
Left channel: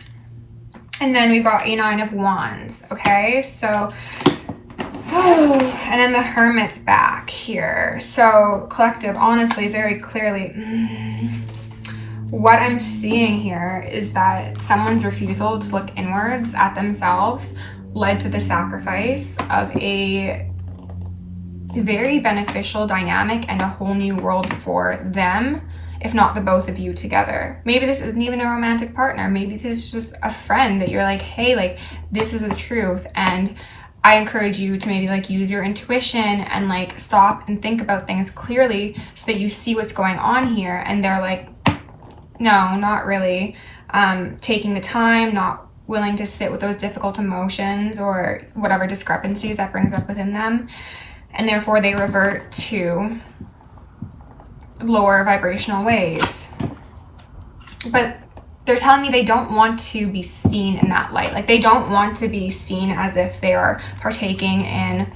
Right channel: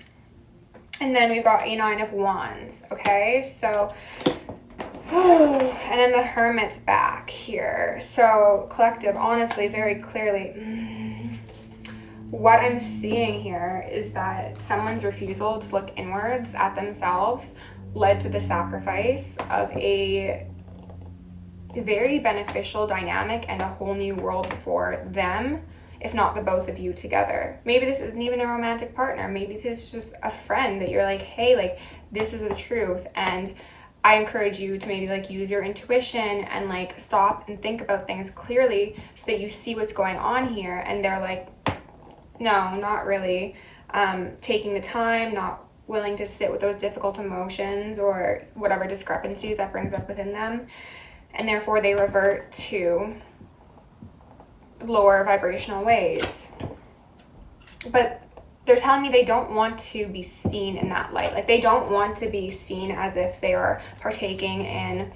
and then we've got a 9 of Wands, okay? So, and then the Hermit's back here. So, collective, honestly, very clearly, what I'm seeing here is that someone's refusal to look inwards at themselves led to the sacrifice of a very beneficial dynamic and a whole new world for them, if not the both of you together. Maybe this isn't even a romantic partner. Maybe this is just a friend that you're like, hey, like, this is the truth, and I encourage you to maybe like use your intuition and like stop and think about things clearly so that you see what's going on here. And they're like, no, not really. Taking the time, not willing to sit with those difficult emotions or whatever discrepancies that brings up within them. And therefore they revert to lower vibrational ways. But they're telling me they don't want to be seen in that light. Like, they don't want to be seen as if they are partaking in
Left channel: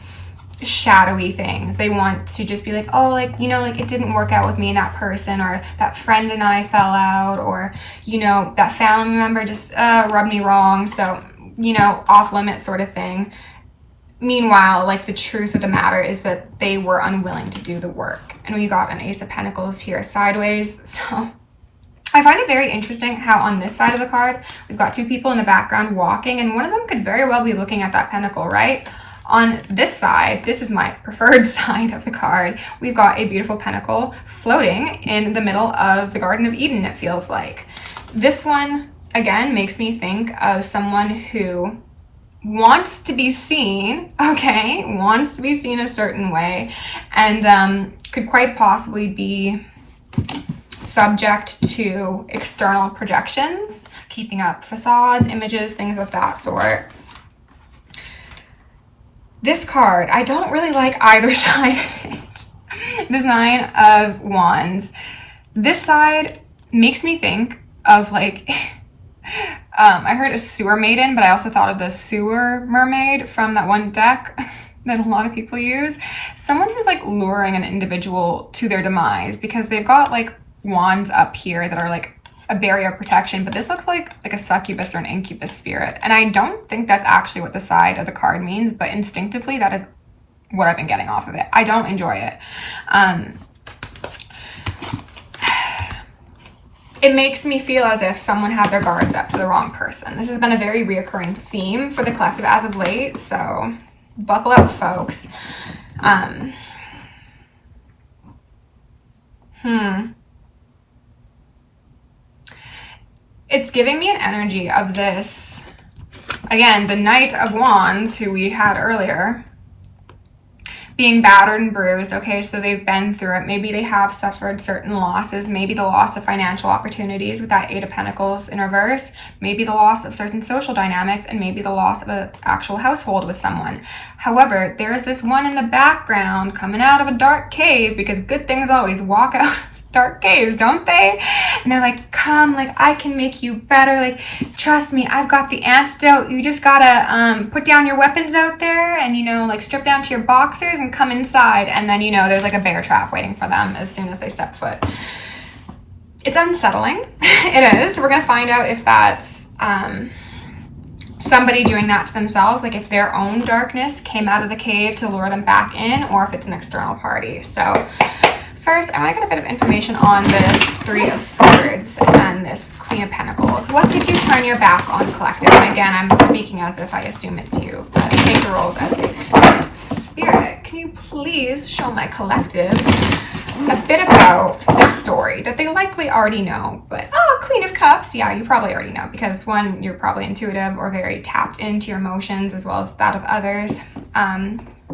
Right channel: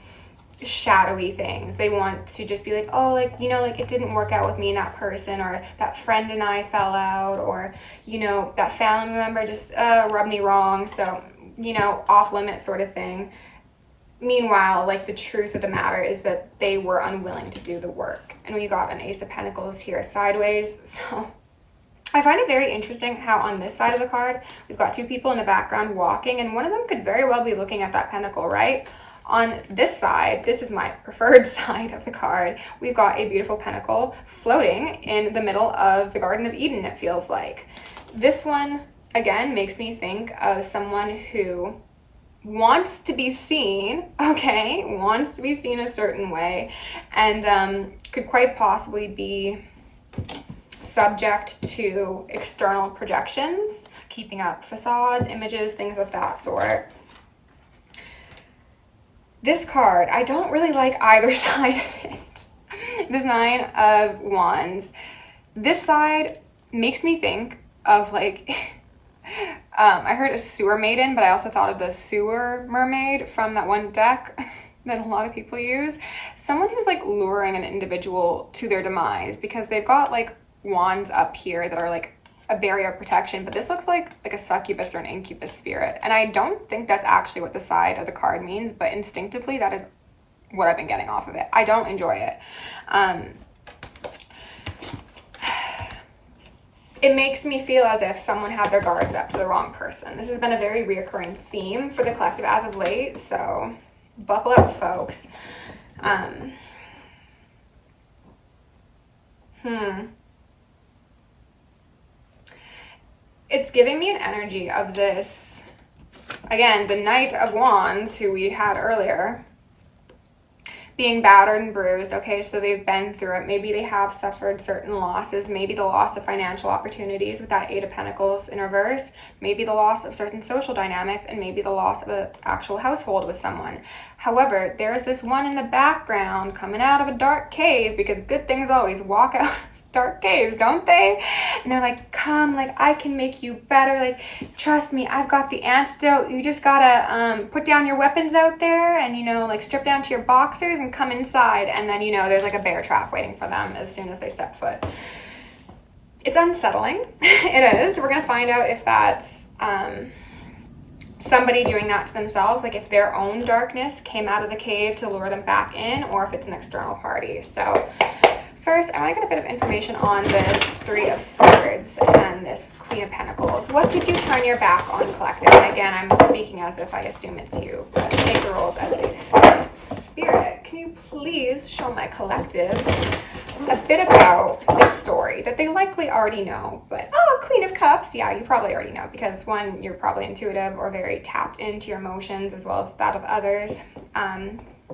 shadowy things. They want to just be like, oh, like, you know, like, it didn't work out with me and that person, or that friend and I fell out, or, you know, that family member just rubbed me wrong, so, you know, off limits sort of thing. Meanwhile, like, the truth of the matter is that they were unwilling to do the work. And we got an Ace of Pentacles here sideways. So I find it very interesting how on this side of the card, we've got 2 people in the background walking, and one of them could very well be looking at that pentacle, right? On this side, this is my preferred side of the card, we've got a beautiful pentacle floating in the middle of the Garden of Eden, it feels like. This one, again, makes me think of someone who wants to be seen, okay, wants to be seen a certain way, and could quite possibly be subject to external projections, keeping up facades, images, things of that sort. This card, I don't really like either side of it. This 9 of Wands. This side makes me think of like, I heard a sewer maiden, but I also thought of the sewer mermaid from that one deck that a lot of people use. Someone who's like luring an individual to their demise because they've got like wands up here that are like a barrier of protection, but this looks like a succubus or an incubus spirit. And I don't think that's actually what the side of the card means, but instinctively that is what I've been getting off of it. I don't enjoy it. It makes me feel as if someone had their guards up to the wrong person. This has been a very reoccurring theme for the collective as of late, so buckle up, folks. It's giving me an energy of this, again, the Knight of Wands, who we had earlier, being battered and bruised. Okay, so they've been through it. Maybe they have suffered certain losses, maybe the loss of financial opportunities with that Eight of Pentacles in reverse, maybe the loss of certain social dynamics, and maybe the loss of an actual household with someone. However, there's this one in the background coming out of a dark cave, because good things always walk out dark caves, don't they? And they're like, come, like, I can make you better, like, trust me, I've got the antidote. You just gotta put down your weapons out there and, you know, like, strip down to your boxers and come inside. And then, you know, there's like a bear trap waiting for them as soon as they step foot. It's unsettling. It is. We're gonna find out if that's somebody doing that to themselves, like if their own darkness came out of the cave to lure them back in, or if it's an external party. So first, I want to get a bit of information on this Three of Swords and this Queen of Pentacles. What did you turn your back on, collective? And again, I'm speaking as if I assume it's you. Take the roles as they fit. Spirit, can you please show my collective a bit about this story that they likely already know? But, oh, Queen of Cups. Yeah, you probably already know, because one, you're probably intuitive or very tapped into your emotions as well as that of others.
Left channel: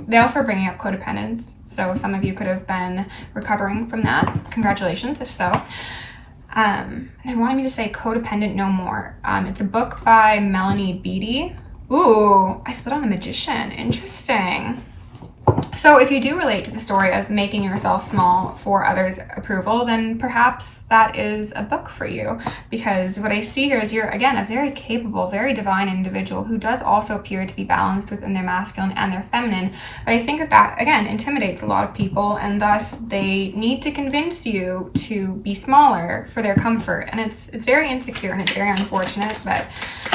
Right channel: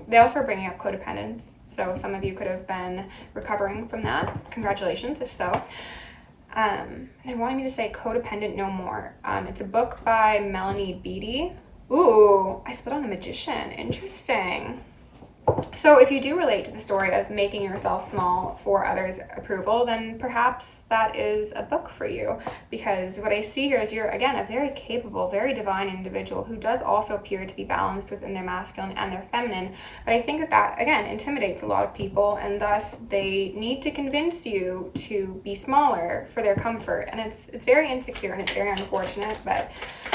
They also are bringing up codependence, so some of you could have been recovering from that. Congratulations, if so. They wanted me to say Codependent No More. It's a book by Melanie Beattie. Ooh, I split on the Magician. Interesting. So if you do relate to the story of making yourself small for others' approval, then perhaps that is a book for you. Because what I see here is you're, again, a very capable, very divine individual who does also appear to be balanced within their masculine and their feminine. But I think that, again, intimidates a lot of people, and thus they need to convince you to be smaller for their comfort. And it's very insecure and it's very unfortunate, but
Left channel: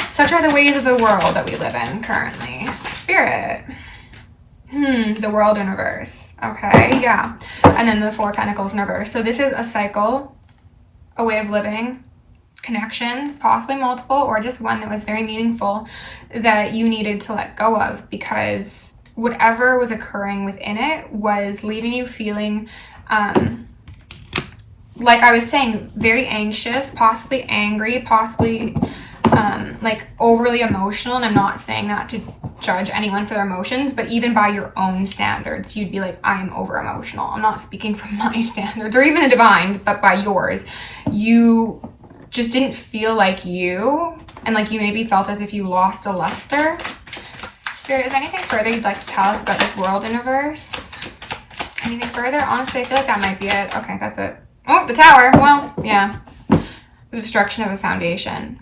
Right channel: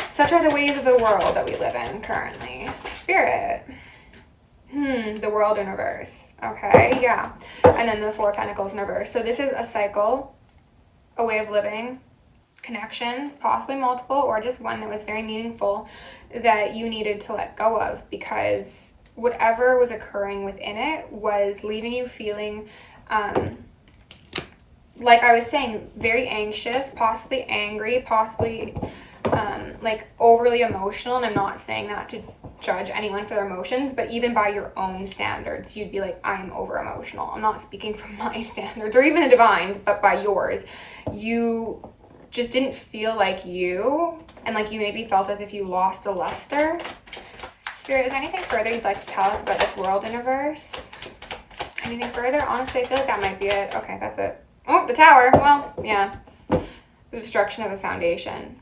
such are the ways of the world that we live in currently. Spirit. The World in reverse. Okay, yeah. And then the Four of Pentacles in reverse. So this is a cycle, a way of living, connections, possibly multiple, or just one that was very meaningful that you needed to let go of, because whatever was occurring within it was leaving you feeling, like I was saying, very anxious, possibly angry, possibly like overly emotional. And I'm not saying that to judge anyone for their emotions, but even by your own standards, you'd be like, I am over emotional. I'm not speaking from my standards or even the divine, but by yours. You just didn't feel like you, and like you maybe felt as if you lost a luster. Spirit, is there anything further you'd like to tell us about this World in reverse? Anything further? Honestly, I feel like that might be it. Okay, that's it. Oh, the Tower. Well, yeah. The destruction of a foundation.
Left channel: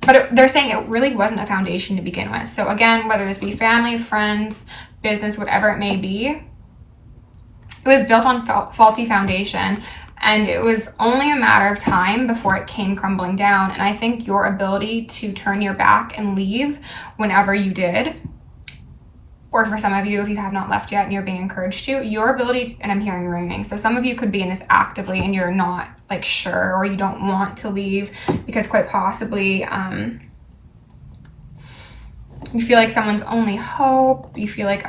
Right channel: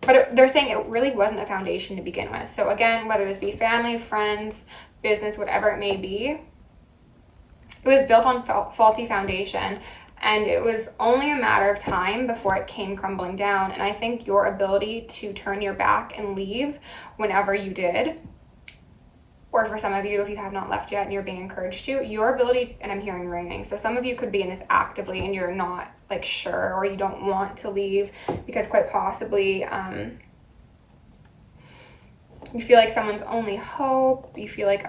But they're saying it really wasn't a foundation to begin with. So again, whether this be family, friends, business, whatever it may be, it was built on faulty foundation, and it was only a matter of time before it came crumbling down. And I think your ability to turn your back and leave whenever you did, or for some of you, if you have not left yet and you're being encouraged to, your ability to, and I'm hearing ringing, so some of you could be in this actively and you're not like sure, or you don't want to leave because quite possibly you feel like someone's only hope, you feel like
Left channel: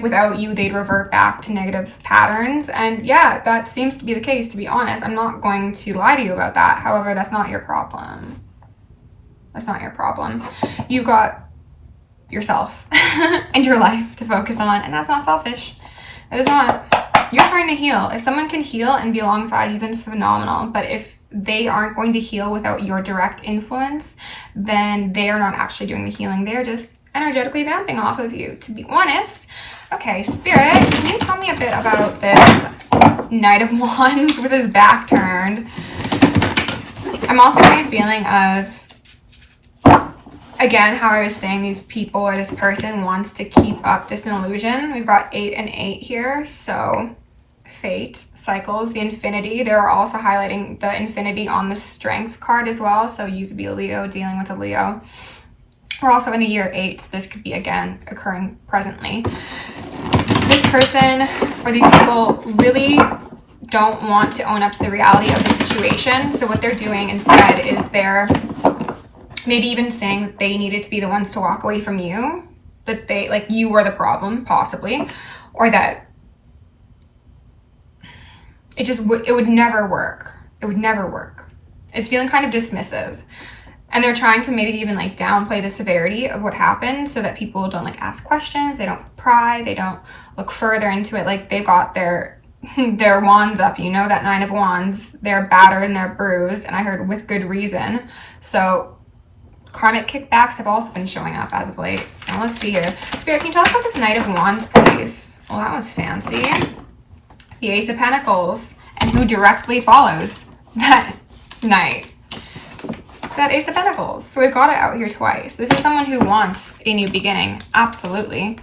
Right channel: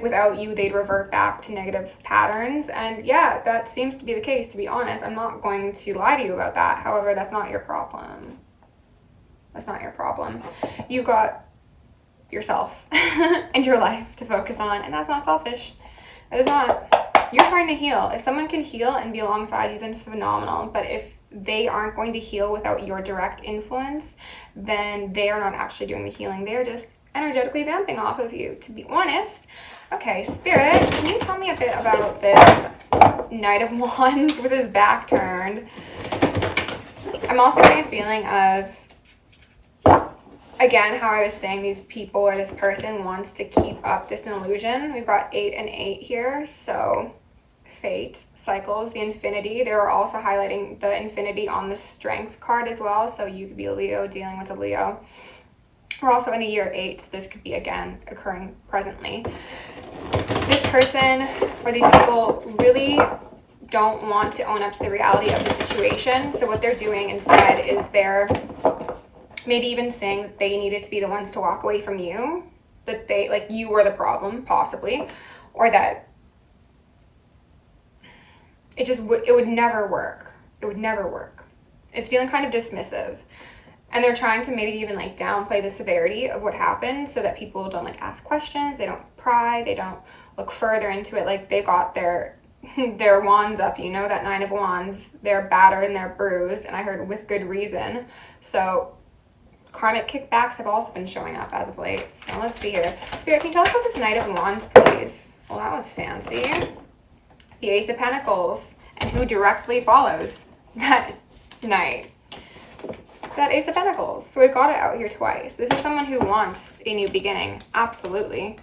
without you they'd revert back to negative patterns. And yeah, that seems to be the case, to be honest. I'm not going to lie to you about that. However, that's not your problem. That's not your problem. You've got yourself and your life to focus on, and that's not selfish. That is not. You're trying to heal. If someone can heal and be alongside you, then phenomenal. But if they aren't going to heal without your direct influence, then they are not actually doing the healing. They're just energetically vamping off of you, to be honest. Okay, Spirit, can you tell me a bit about this Knight of Wands with his back turned? I'm also getting a feeling of, again, how I was saying, these people or this person wants to keep up this illusion. We've got 8 and 8 here, so fate, cycles, the infinity. They're also highlighting the infinity on the strength card as well, so you could be a Leo dealing with a Leo. We're also in a year 8, so this could be, again, occurring presently. This person or these people really don't want to own up to the reality of the situation. So what they're doing instead is they're maybe even saying that they needed to be the ones to walk away from you, that they, like, you were the problem, possibly, or that it would never work. It would never work. It's feeling kind of dismissive. And they're trying to maybe even like downplay the severity of what happened so that people don't like ask questions, they don't pry, they don't look further into it. Like they've got their wands up, you know, that 9 of Wands. They're battered and they're bruised, and I heard with good reason. So karmic kickbacks have also been showing up as of late. So let's see here. Spirit, can you tell us about this Knight of Wands, please? Well, that was fancy. The Ace of Pentacles, and who directly follows that Knight? That Ace of Pentacles. So we've got it out here twice. This is someone who wants a new beginning. Absolutely.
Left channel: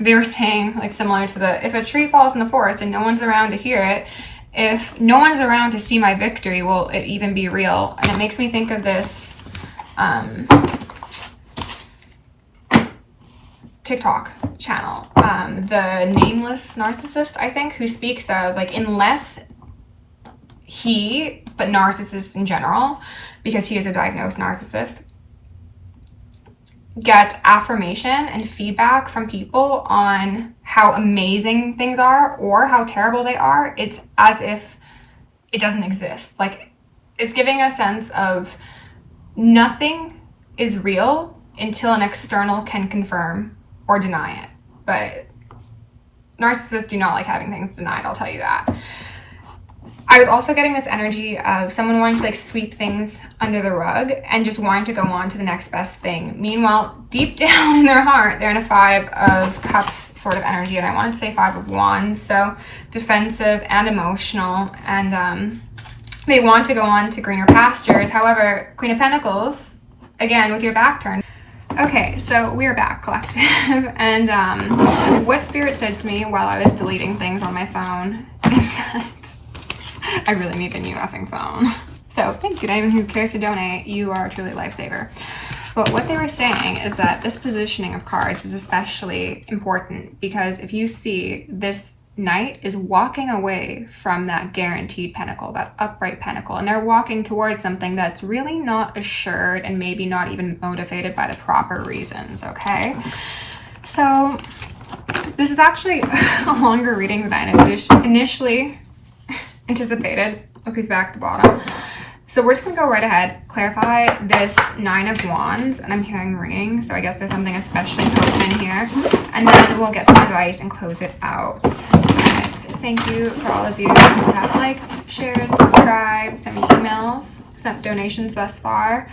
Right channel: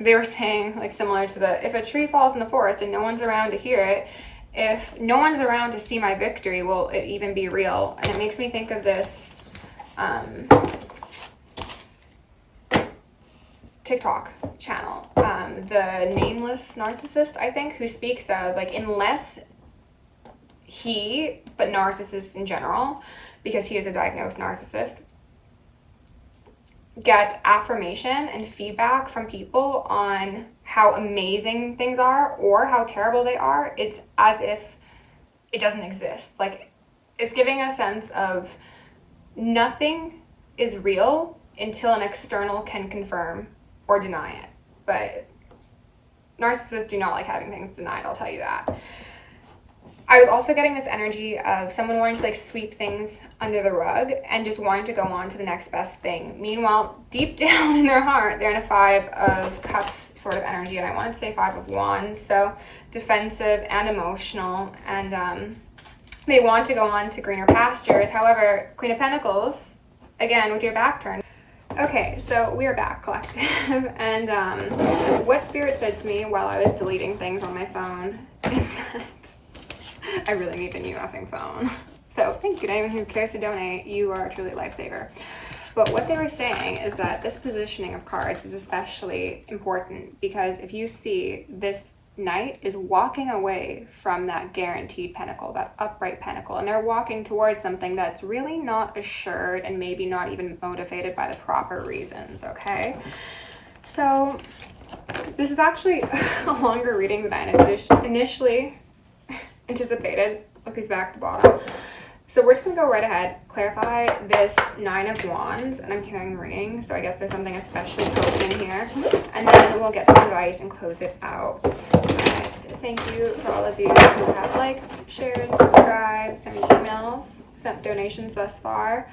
They were saying, like, similar to the, if a tree falls in the forest and no one's around to hear it, if no one's around to see my victory, will it even be real? And it makes me think of this TikTok channel, the Nameless Narcissist, I think, who speaks of, like, unless he, but narcissists in general, because he is a diagnosed narcissist, get affirmation and feedback from people on how amazing things are or how terrible they are, it's as if it doesn't exist. Like, it's giving a sense of nothing is real until an external can confirm or deny it. But narcissists do not like having things denied, I'll tell you that. I was also getting this energy of someone wanting to like sweep things under the rug and just wanting to go on to the next best thing. Meanwhile, deep down in their heart, they're in a 5 of Cups sort of energy, and I wanted to say 5 of Wands, so defensive and emotional, and they want to go on to greener pastures. However, Queen of Pentacles, again, with your back turned. Okay, so we're back, collective, and what Spirit said to me while I was deleting things on my phone is that I really need a new effing phone. So thank you to anyone who cares to donate. You are truly a lifesaver. But what they were saying is that this positioning of cards is especially important because if you see this Knight is walking away from that guaranteed pentacle, that upright pentacle, and they're walking towards something that's really not assured and maybe not even motivated by the proper reasons, okay? So this is actually a longer reading than I initially anticipated. Look who's back at the bottom. So we're just gonna go right ahead, clarify this 9 of Wands, and I'm hearing ringing, so I guess there's something especially potent in here, and then we'll get some advice and close it out. But thank you for all of you who have liked, shared, subscribed, sent me emails, sent donations thus far.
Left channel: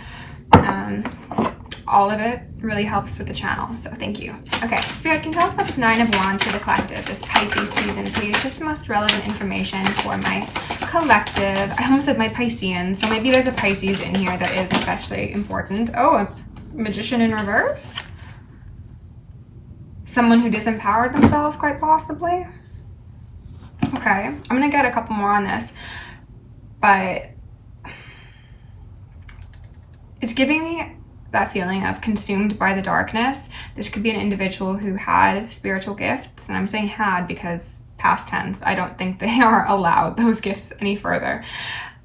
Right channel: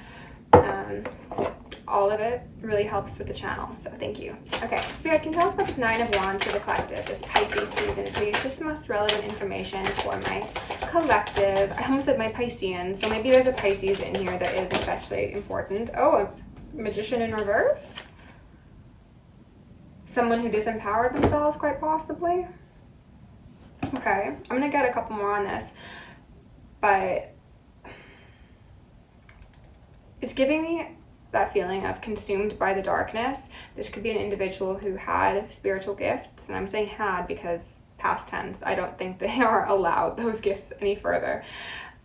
All of it really helps with the channel, so thank you. Okay, Spirit, can you tell us about this 9 of Wands for the collective, this Pisces season, please? Just the most relevant information for my collective. I almost said my Pisceans, so maybe there's a Pisces in here that is especially important. Oh, a Magician in reverse? Someone who disempowered themselves, quite possibly? Okay, I'm gonna get a couple more on this, but it's giving me that feeling of consumed by the darkness. This could be an individual who had spiritual gifts, and I'm saying had because past tense, I don't think they are allowed those gifts any further.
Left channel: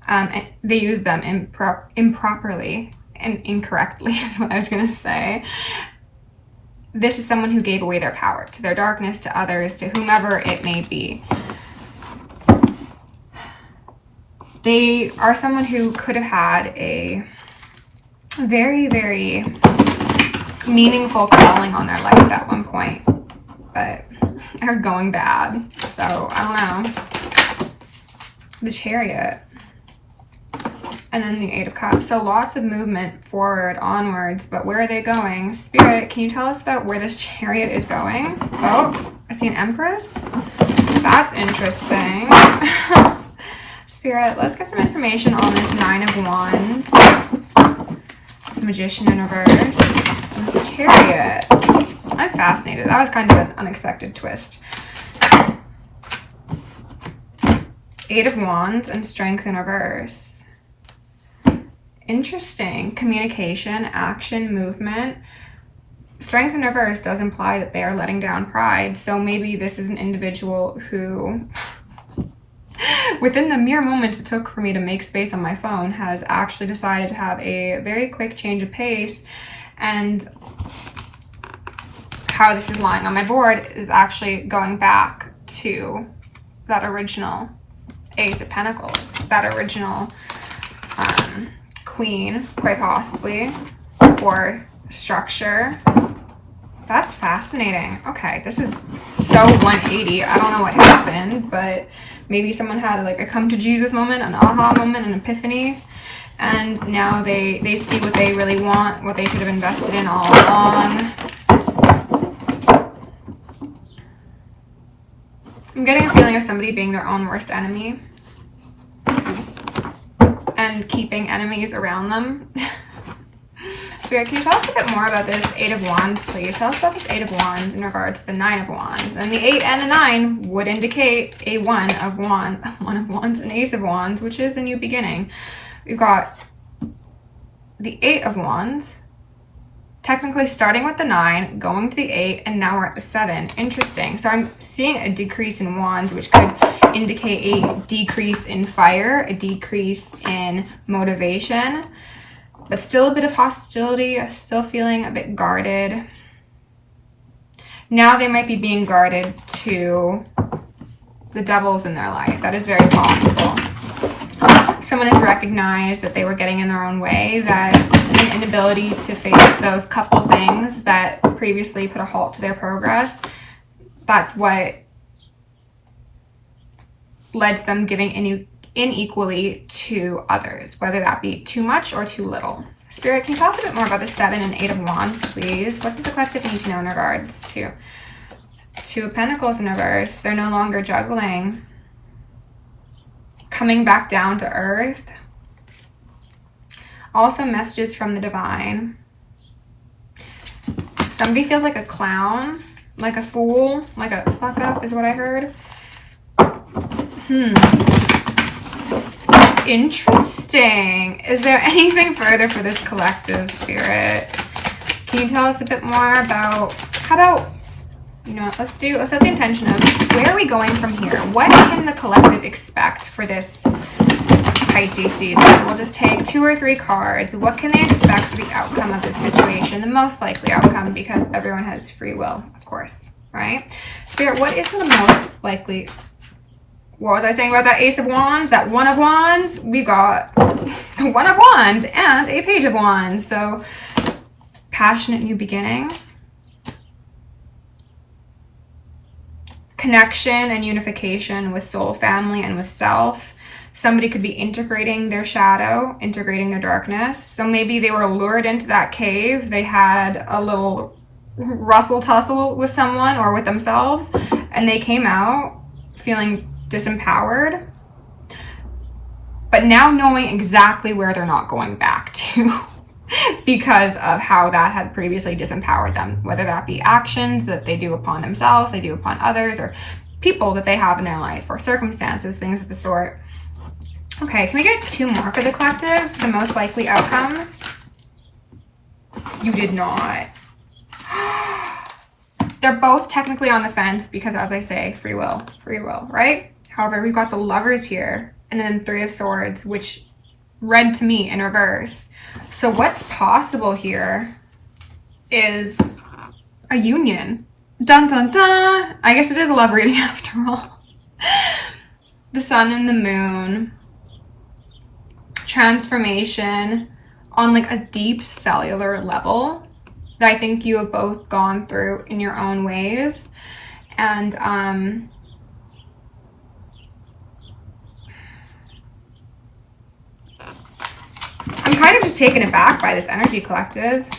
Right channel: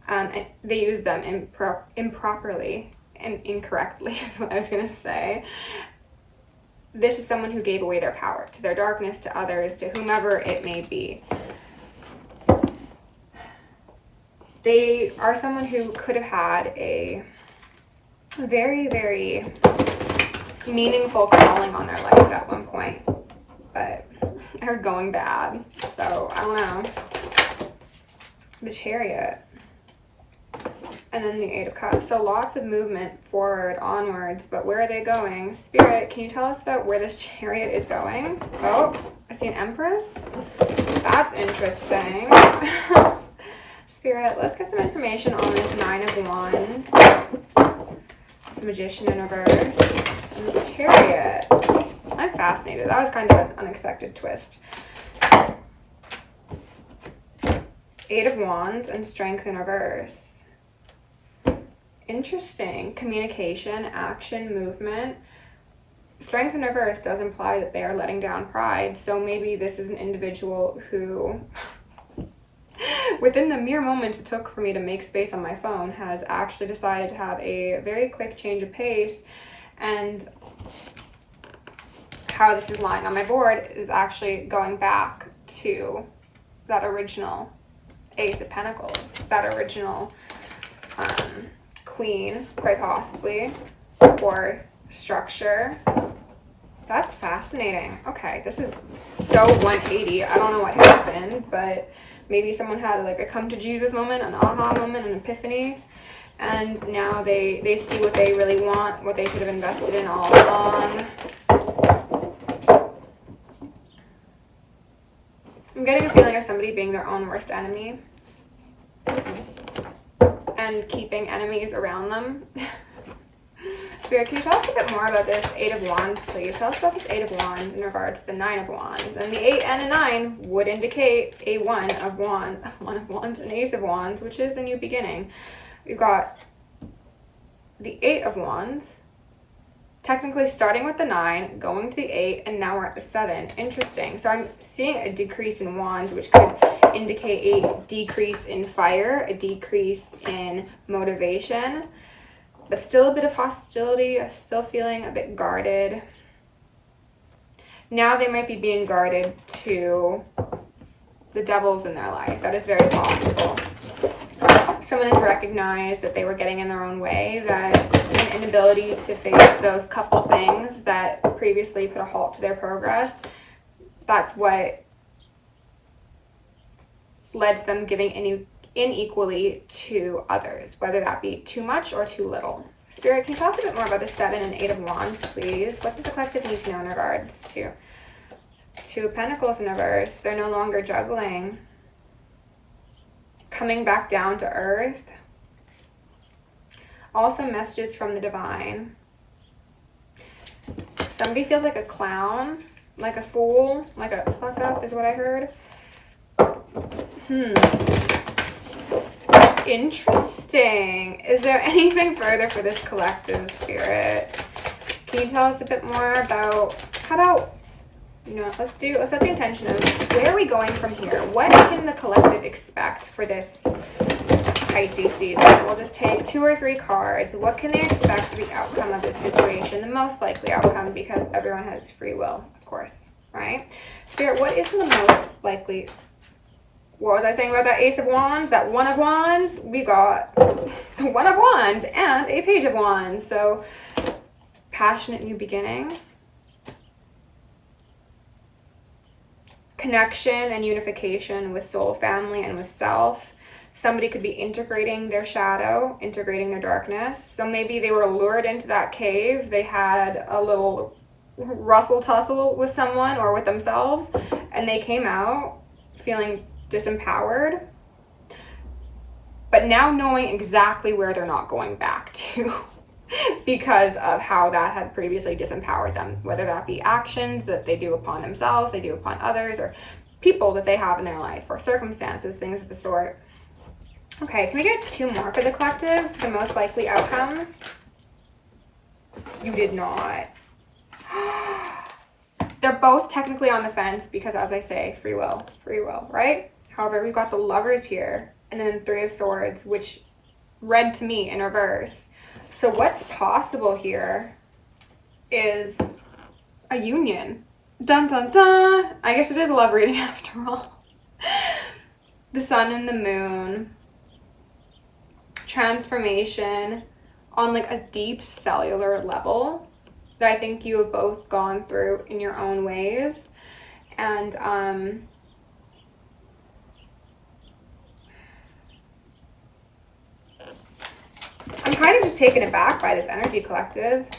And they use them improperly and incorrectly is what I was gonna say. This is someone who gave away their power to their darkness, to others, to whomever it may be. They are someone who could have had a very, very meaningful calling on their life at one point, but are going bad. So I don't know. The Chariot, and then the 8 of Cups. So lots of movement forward, onwards, but where are they going? Spirit, can you tell us about where this Chariot is going? Oh, I see an Empress. That's interesting. Spirit, let's get some information on this 9 of Wands. This Magician in reverse. And this Chariot. I'm fascinated. That was kind of an unexpected twist. 8 of Wands and Strength in reverse. Interesting. Communication, action, movement. Strength in reverse does imply that they are letting down pride. So maybe this is an individual who, within the mere moments it took for me to make space on my phone, has actually decided to have a very quick change of pace. And how this is lying on my board is actually going back to that original Ace of Pentacles, that original Queen, quite possibly, or structure. That's fascinating. Okay, this is so 180. I don't know what happened, but maybe someone had like a come to Jesus moment, an aha moment, an epiphany, and now they see what they really want, what they should have invested in all along. I'm getting a feeling of somebody being their own worst enemy and keeping enemies around them. Spirit, can you tell us a bit more about this Eight of Wands, please? Tell us about this Eight of Wands in regards to the Nine of Wands. And the 8 and the 9 would indicate a One of Wands, an Ace of Wands, which is a new beginning. We've got the 8 of Wands, technically starting with the 9, going to the 8, and now we're at the 7. Interesting. So I'm seeing a decrease in Wands, which could indicate a decrease in fire, a decrease in motivation, but still a bit of hostility, still feeling a bit guarded. Now they might be being guarded to the devils in their life. That is very possible. Someone has recognized that they were getting in their own way, that an inability to face those couple things that previously put a halt to their progress, that's what led to them giving unequally to others, whether that be too much or too little. Spirit, can you tell us a bit more about the 7 and 8 of Wands, please? What does the collective need to know in regards to Two of Pentacles in reverse? They're no longer juggling. Coming back down to earth. Also messages from the divine. Somebody feels like a clown, like a fool, like a fuck up is what I heard. Interesting. Is there anything further for this collective, Spirit? Can you tell us a bit more about, how about, you know what, let's set the intention of where are we going from here? What can the collective expect for this Pisces season? We'll just take 2 or 3 cards. What can they expect for the outcome of this situation? The most likely outcome, because everyone has free will, of course, right? Spirit, what is the most likely? What was I saying about that Ace of Wands? That One of Wands? We got the One of Wands and a Page of Wands. So, passionate new beginning. Connection and unification with soul, family, and with self. Somebody could be integrating their shadow, integrating their darkness. So maybe they were lured into that cave. They had a little rustle tussle with someone or with themselves, and they came out feeling disempowered, but now knowing exactly where they're not going back to because of how that had previously disempowered them, whether that be actions that they do upon themselves, they do upon others, or people that they have in their life, or circumstances, things of the sort. Okay, can we get 2 more for the collective? The most likely outcomes? You did not. They're both technically on the fence because, as I say, free will, right? However, we've got the Lovers here, and then 3 of Swords, which read to me in reverse. So what's possible here is a union. Dun dun dun! I guess it is a love reading after all. The Sun and the Moon. Transformation on like a deep cellular level that I think you have both gone through in your own ways. And I'm kind of just taken aback by this energy, collective.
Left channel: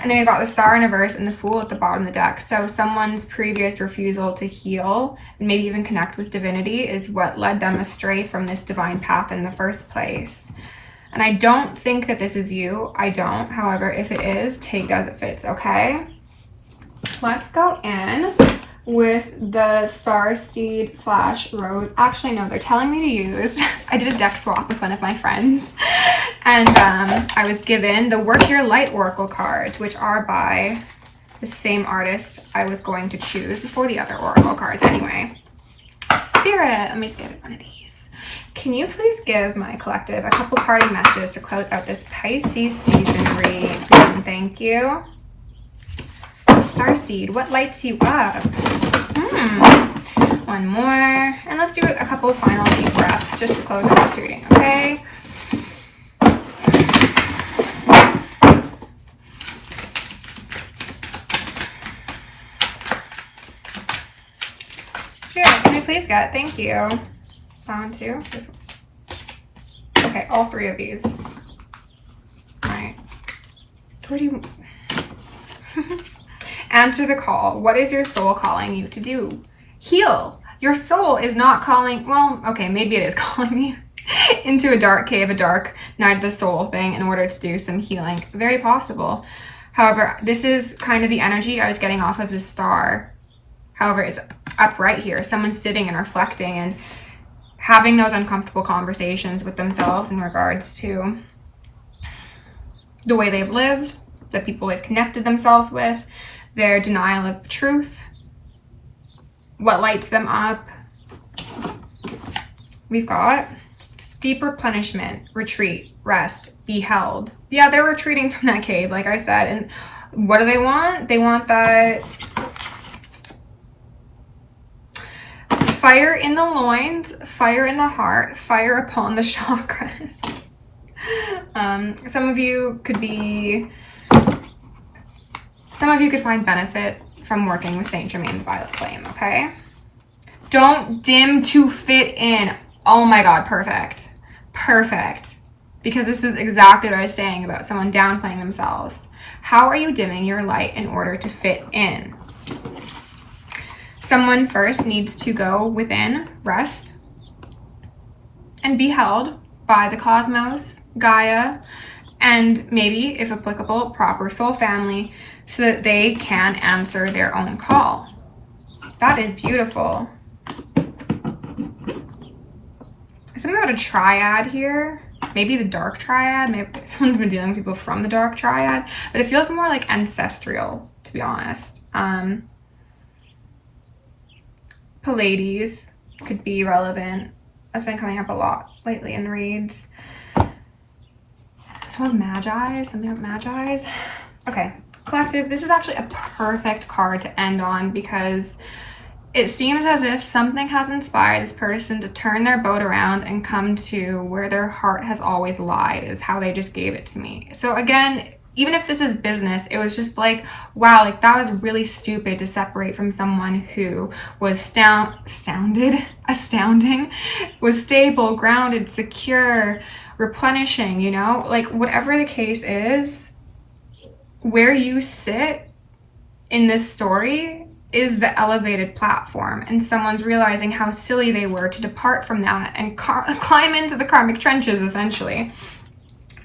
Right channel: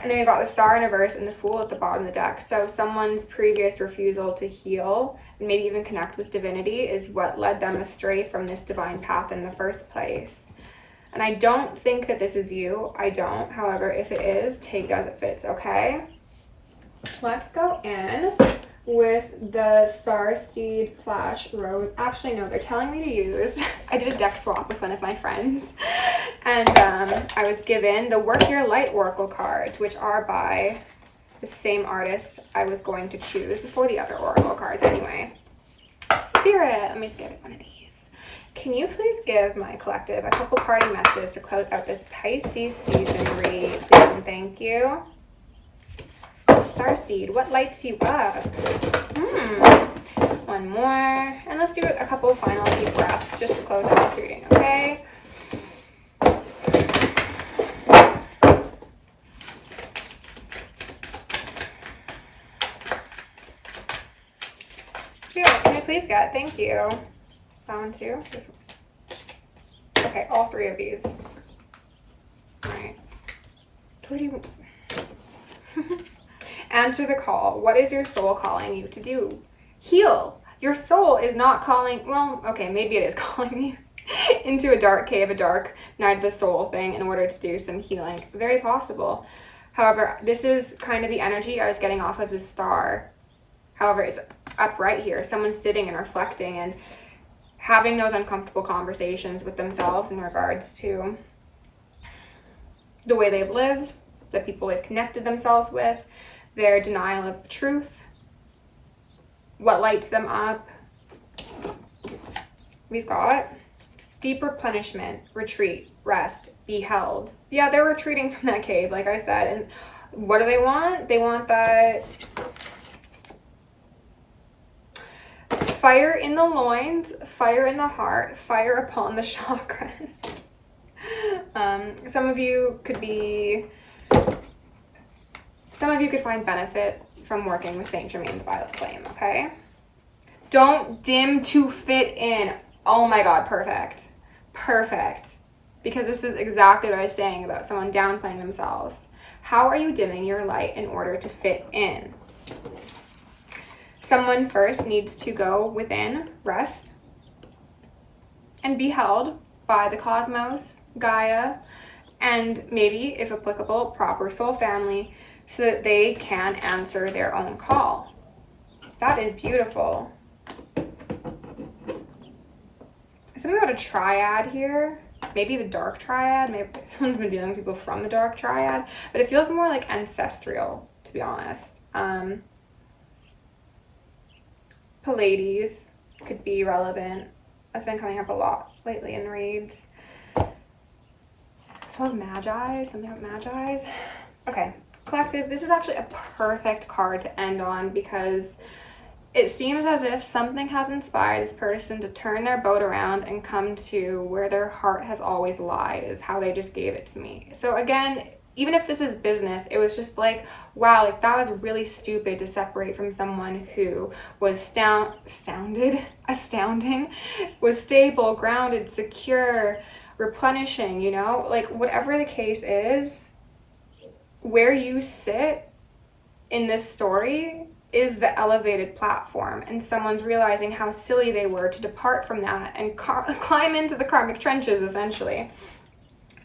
And then we got the Star in reverse and the Fool at the bottom of the deck. So someone's previous refusal to heal and maybe even connect with divinity is what led them astray from this divine path in the first place. And I don't think that this is you. I don't. However, if it is, take it as it fits, okay? Let's go in with the star seed / rose. Actually, no, they're telling me to use, I did a deck swap with one of my friends, and I was given the Work Your Light Oracle cards, which are by the same artist I was going to choose for the other Oracle cards anyway. Spirit, let me just give it one of these. Can you please give my collective a couple parting messages to close out this Pisces season read, please and thank you. Starseed, what lights you up? One more. And let's do a couple final deep breaths just to close out this reading, okay? Spirit, can we please get, thank you. One, two. Okay, all three of these. All right. What do you... Answer the call. What is your soul calling you to do? Heal. Your soul is not calling, well, okay, maybe it is calling you into a dark cave, a dark night of the soul thing in order to do some healing. Very possible. However, this is kind of the energy I was getting off of the star. However, it's up right here. Someone's sitting and reflecting and having those uncomfortable conversations with themselves in regards to the way they've lived, the people they've connected themselves with, their denial of truth, what lights them up. We've got deeper punishment, retreat, rest, be held. Yeah, they're retreating from that cave, like I said. And what do they want? They want that fire in the loins, fire in the heart, fire upon the chakras. Some of you could find benefit from working with Saint Germain the Violet Flame, okay? Don't dim to fit in. Oh my God, perfect. Perfect. Because this is exactly what I was saying about someone downplaying themselves. How are you dimming your light in order to fit in? Someone first needs to go within, rest, and be held by the cosmos, Gaia, and maybe, if applicable, proper soul family, so that they can answer their own call. That is beautiful. Something about a triad here. Maybe the dark triad. Maybe someone's been dealing with people from the dark triad. But it feels more like ancestral, to be honest. Pleiades could be relevant. That's been coming up a lot lately in reads. As well as Magi. Something about Magi's. Okay. Collective, this is actually a perfect card to end on because it seems as if something has inspired this person to turn their boat around and come to where their heart has always lied, is how they just gave it to me. So again, even if this is business, it was just like, wow, like that was really stupid to separate from someone who was astounding, was stable, grounded, secure, replenishing, you know, like whatever the case is, where you sit in this story is the elevated platform, and someone's realizing how silly they were to depart from that and climb into the karmic trenches, essentially.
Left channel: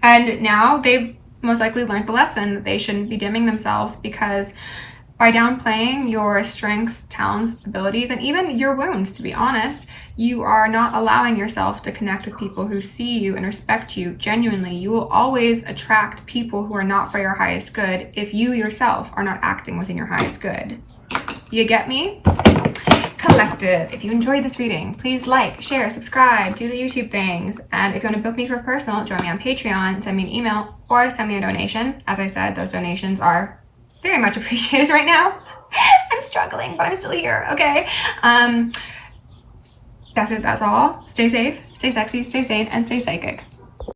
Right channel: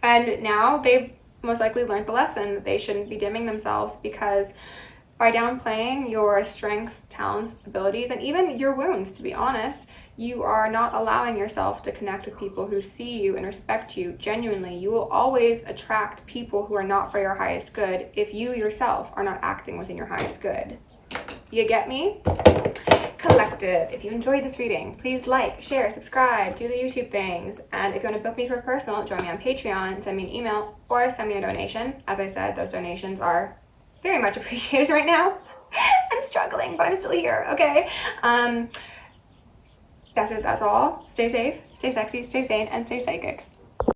And now they've most likely learned the lesson that they shouldn't be dimming themselves, because by downplaying your strengths, talents, abilities, and even your wounds, to be honest, you are not allowing yourself to connect with people who see you and respect you genuinely. You will always attract people who are not for your highest good if you yourself are not acting within your highest good. You get me? Collective, if you enjoyed this reading, please like, share, subscribe, do the YouTube things. And if you want to book me for a personal, join me on Patreon, send me an email, or send me a donation. As I said, those donations are very much appreciated right now. I'm struggling, but I'm still here, okay? That's it, that's all. Stay safe, stay sexy, stay sane, and stay psychic.